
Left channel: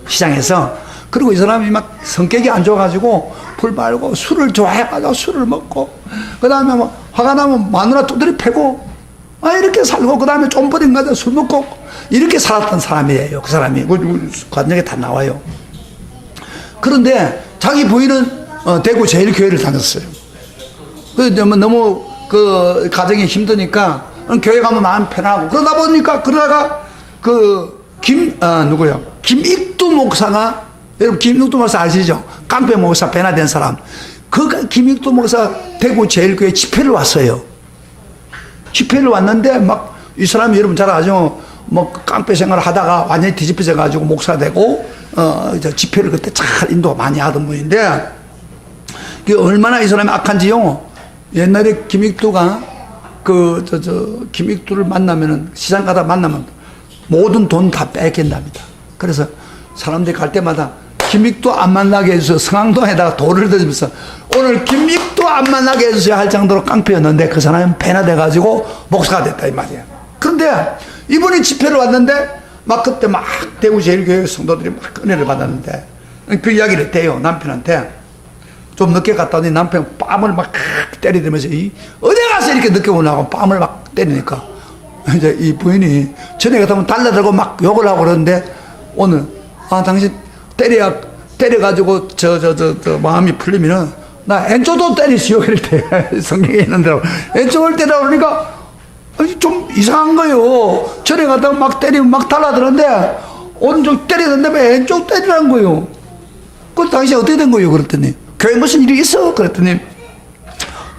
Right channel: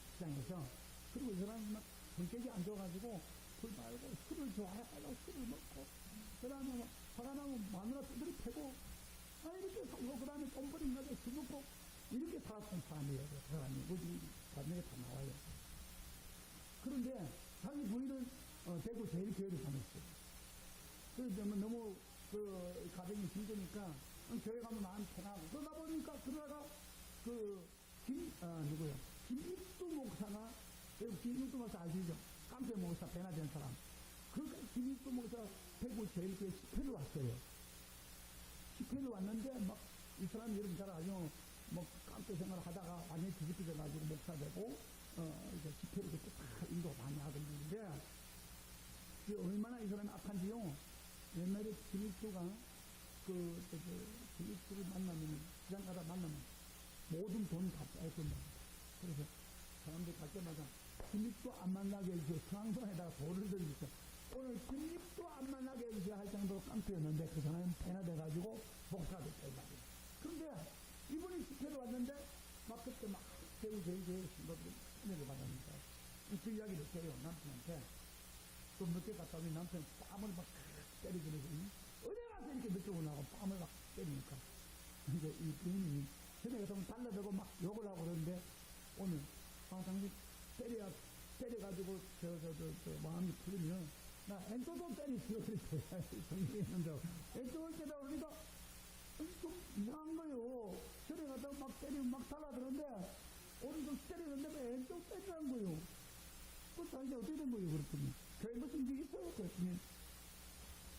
시장에서. 그리고 이 사람이 막 성격이 안 좋아가지고 풀 말고 술을 좋아해가지고 술을 먹고, 그 다음에 뭐 화가 나면 마누라 두드려 패고, 이렇게 살고, 그 다음에 좀 버린 가지고 술 먹고, 이렇게 살았던 사람이에요. 그 사람이. 관역에 다 나와요. 그런데 자기 부인은 대구 제일교회를 다녔어요. 그래서 너무 그 가정이 힘드니까 교회 가면 마음 편하고, 그러다가 김익두 목사가, 여러분 김익두 목사 아시죠? 깡패 목사 변화된 사람. 그 김익두 목사 대구 제일교회 집회를 왔어요. 집회를 왔는데 막 이 사람이 여러분 잘 아죠? 뭐 깡패 생활을 하다가 완전히 뒤집혀져 가지고 목사 되고 집회를 그때 잘 인도 많이 하던 분인데, 그 얼마나 이 사람이 악한지요. 옛날에 김익두가 김익두를 만나면은, 시장 가다 만나면 모든 돈 다 뺏긴답니다. 그래서 사람들이 갈 때마다 김익두 안 만나게 해주세요. 성황동에다가 돌을 던지면서 오늘 김익두 안 만나게 해주세요 할 정도로 깡패였는데, 그 사람은 배나돼가지고 목사가 됐다 이 말이야. 그런데 이분이 집회를 왔는데 막 그때 막 대구 제일교회 성도들이 막 은혜를 받았는데, 그 이야기를 했대요, 남편한테. 좀 늦게 갔다 오니 남편 뺨을 막 때리면서 어디 가서 이렇게 늦게 오냐고 뺨을 막 때리니까, 이제 이 부인이 전에 같으면 달려들고 막 욕을 하고 그러는데, 오늘 당신 때려가지고 마음이 풀리면은 나 왼쪽도 때리시오 이럴 때 성경에 있는 대로 왼쪽을 때려. 그러니까 좀 이상한 거예요. 전에 갔다가 막 때리면 막 달라드는데 오른쪽 때리는데 왜 왼쪽 때리라는 거예요. 그 당시 어떻게 된 거예요? 그랬더니 교회 무슨 일이 있어? 그랬더니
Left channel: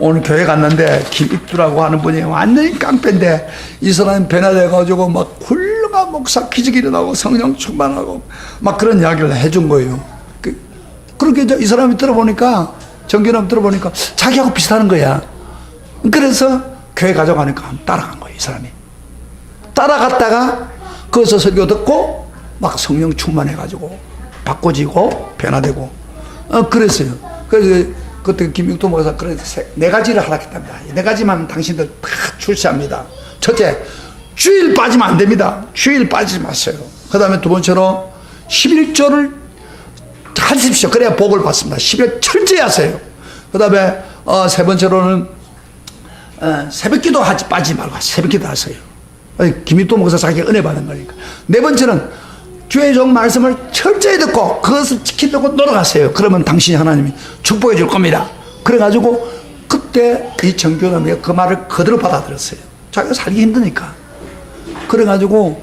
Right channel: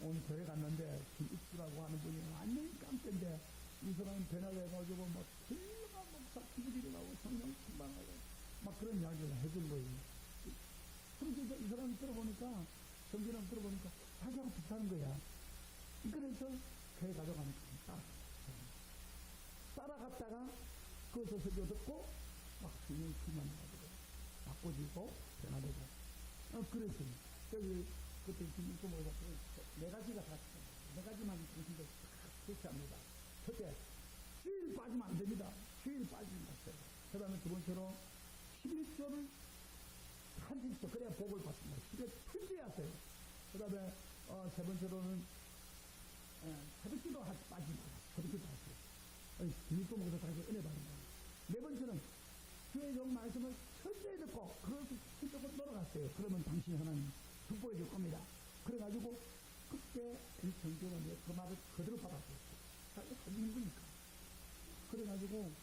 오늘 교회 갔는데 김익두라고 하는 분이 완전히 깡패인데 이 사람이 변화돼가지고 막 훌륭한 목사 기적이 일어나고 성령 충만하고 막 그런 이야기를 해준 거예요. 그렇게 이 사람이 들어보니까, 정규남 들어보니까 자기하고 비슷하는 거야. 그래서 교회 가져가니까 따라간 거예요, 이 사람이. 따라갔다가 거기서 설교 듣고 막 성령 충만해가지고 바꿔지고 변화되고 그랬어요. 그래서 그때 김익두 목사 그래서 네 가지를 하락했답니다. 네 가지만 당신들 다 출시합니다. 첫째, 주일 빠지면 안 됩니다. 주일 빠지지 마세요. 그 다음에 두 번째로 11조를 하십시오. 그래야 복을 받습니다. 11조 철저히 하세요. 그 다음에 세 번째로는 새벽기도 빠지지 말고 새벽기도 하세요. 김익두 목사 자기가 은혜 받은 거니까. 네 번째는 주의 종 말씀을 철저히 듣고 그것을 지키려고 노력하세요. 그러면 당신이 하나님이 축복해 줄 겁니다. 그래가지고 그때 이 정교남이가 그 말을 그대로 받아들였어요. 자기가 살기 힘드니까. 그래가지고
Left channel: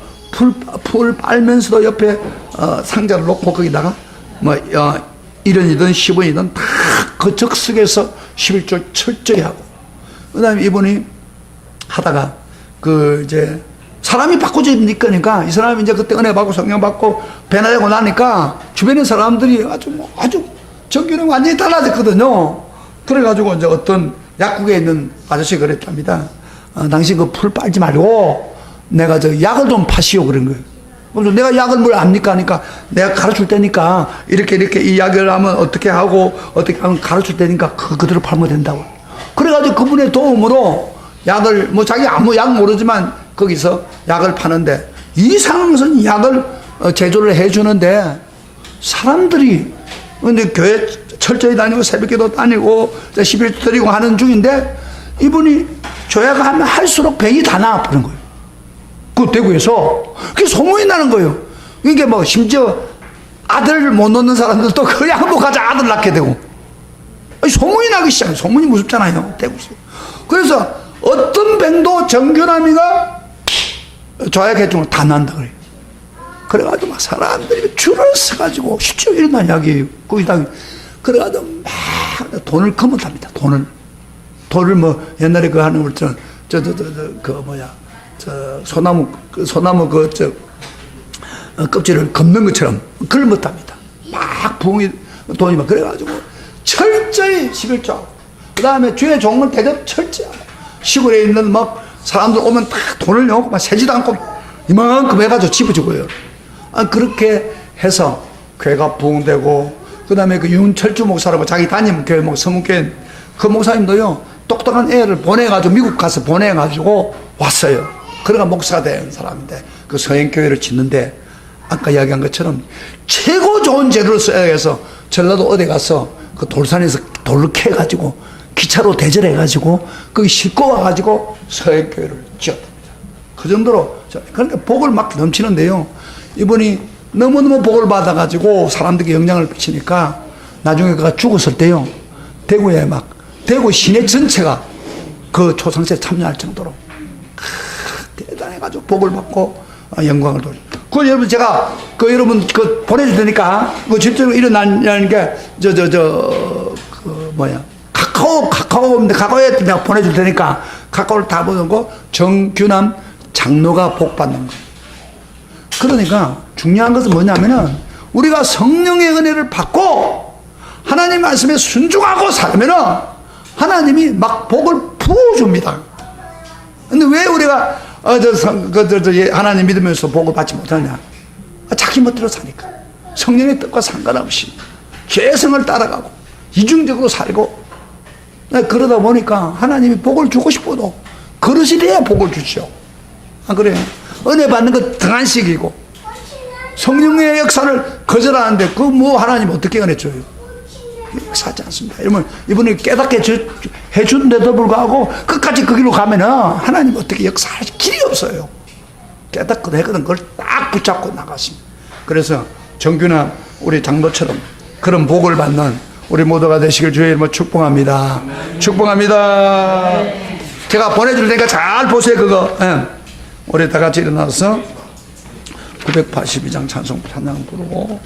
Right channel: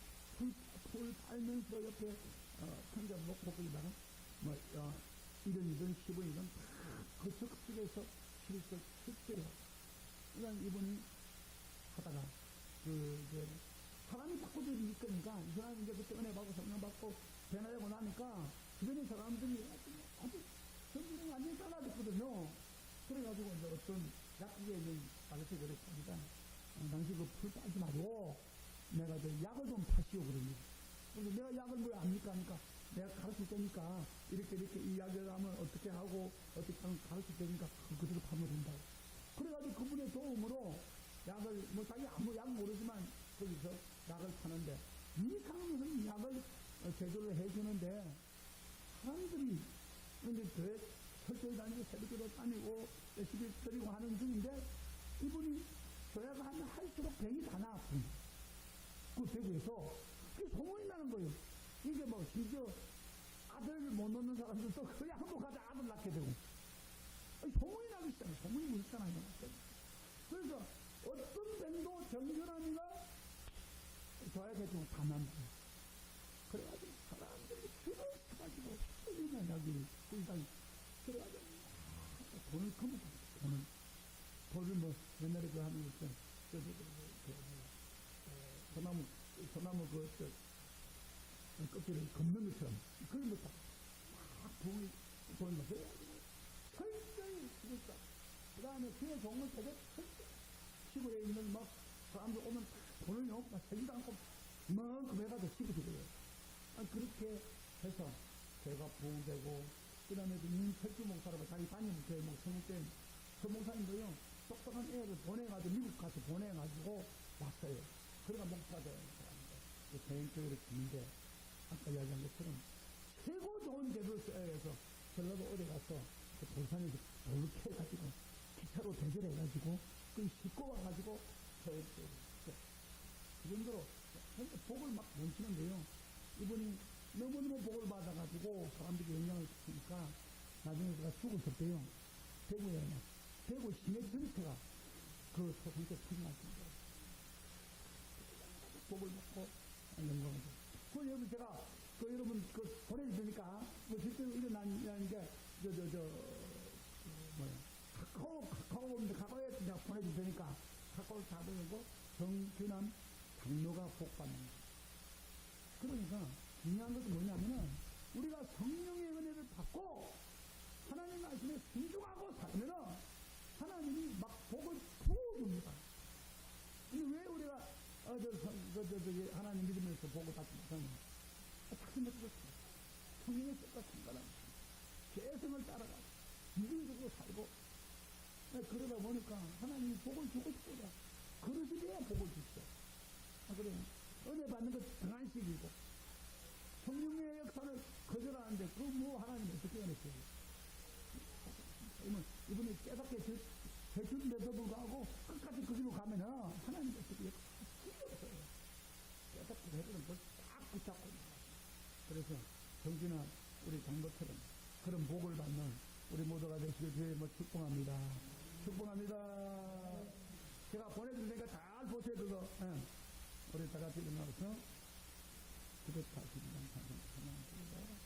풀 빨면서도 옆에 상자를 놓고 거기다가 뭐 1원이든 10원이든 다 그 적석에서 11조 철저히 하고, 그 다음에 이분이 하다가 이제 사람이 바꾸니까 이 사람이 이제 그때 은혜 받고 성령 받고 변화되고 나니까 주변의 사람들이 아주 정규는 완전히 달라졌거든요. 그래가지고 이제 어떤 약국에 있는 아저씨가 그랬답니다. 당신 그 풀 빨지 말고 내가 약을 좀 파시오 그런 거예요. 그래서 내가 약을 뭘 압니까? 하니까 내가 가르칠 테니까 이렇게 이 약을 하면 어떻게 하고 어떻게 하면 가르칠 테니까 그대로 팔면 된다고. 그래가지고 그분의 도움으로 약을 뭐 자기 아무 약 모르지만 거기서 약을 파는데 이 상황에서는 약을 제조를 해주는데 사람들이 근데 교회 철저히 다니고 새벽기도 다니고 11조 드리고 하는 중인데 이분이 조약을 하면 할수록 병이 다 나아버린 거예요. 그 대구에서 그게 소문이 나는 거예요. 이게 뭐 심지어 아들을 못 낳는 사람들도 그 약을 가자 아들 낳게 되고 소문이 나기 시작해요. 소문이 무섭잖아요. 대구에서. 그래서 어떤 병도 정규남이가 조약해주면 다 난다 그래요. 그래가지고 막 사람들이 줄을 서가지고 실제로 일어난 이야기예요. 거기다 그래가지고 막 돈을 거뭇합니다. 돈을 뭐 옛날에 그 하는 것처럼 소나무 껍질을 걷는 것처럼 그걸 못합니다. 막 부엉이 돈이 막 그래가지고 철저히 11조. 그 다음에 주의 종을 대접 철저히 시골에 있는 막 사람들 오면 다 돈을 내고 막 세지도 않고 이만큼 해가지고 집어주고요. 그렇게 해서 교회가 부흥되고 그 다음에 그 윤철주 목사라고 자기 담임 교회 성문교회 그 목사님도요 똑똑한 애를 보내가지고 미국 가서 보내가지고 왔어요. 그래가 목사가 된 사람인데 그 서행교회를 짓는데 아까 이야기한 것처럼 최고 좋은 재료를 써야 해서 전라도 어디 가서 그 돌산에서 돌을 캐가지고 기차로 대절해가지고 거기 싣고 와가지고 서행교회를 지었답니다. 그 정도로 그러니까 복을 막 넘치는데요. 이분이 너무너무 복을 받아가지고 사람들에게 영향을 미치니까 나중에 그가 죽었을 때요. 대구에 막 대구 시내 전체가 그 초상세에 참여할 정도로 대단해가지고 복을 받고 영광을 돌려. 그 여러분 제가 그 여러분 그 보내줄 테니까 그 실제로 일어나는 게 카카오인데 카카오에 내가 보내줄 테니까 카카오를 다 보내고 정규남 장로가 복 받는 거. 그러니까 중요한 것은 뭐냐면은 우리가 성령의 은혜를 받고 하나님 말씀에 순종하고 살면은 하나님이 막 복을 부어줍니다. 근데 왜 우리가 하나님 믿으면서 복을 받지 못하냐? 자기 멋대로 사니까. 성령의 뜻과 상관없이 개성을 따라가고 이중적으로 살고 그러다 보니까 하나님이 복을 주고 싶어도 그릇이 돼야 복을 주죠. 안 그래요? 은혜 받는 거 등한식이고 성령의 역사를 거절하는데 그 뭐 하나님 어떻게 은혜 줘요? 역사하지 않습니다. 여러분 이분이 깨닫게 해준데도 불구하고 끝까지 그 길로 가면은 하나님 어떻게 역사할 길이 없어요. 깨닫거든 했거든 그걸 딱 붙잡고 나가십니다. 그래서 정규나 우리 장로처럼 그런 복을 받는 우리 모두가 되시길 주의 이름으로 축복합니다. 축복합니다. 제가 보내줄 테니까 잘 보세요. 그거. 우리 다 같이 일어나서 982장 찬송 찬양 부르고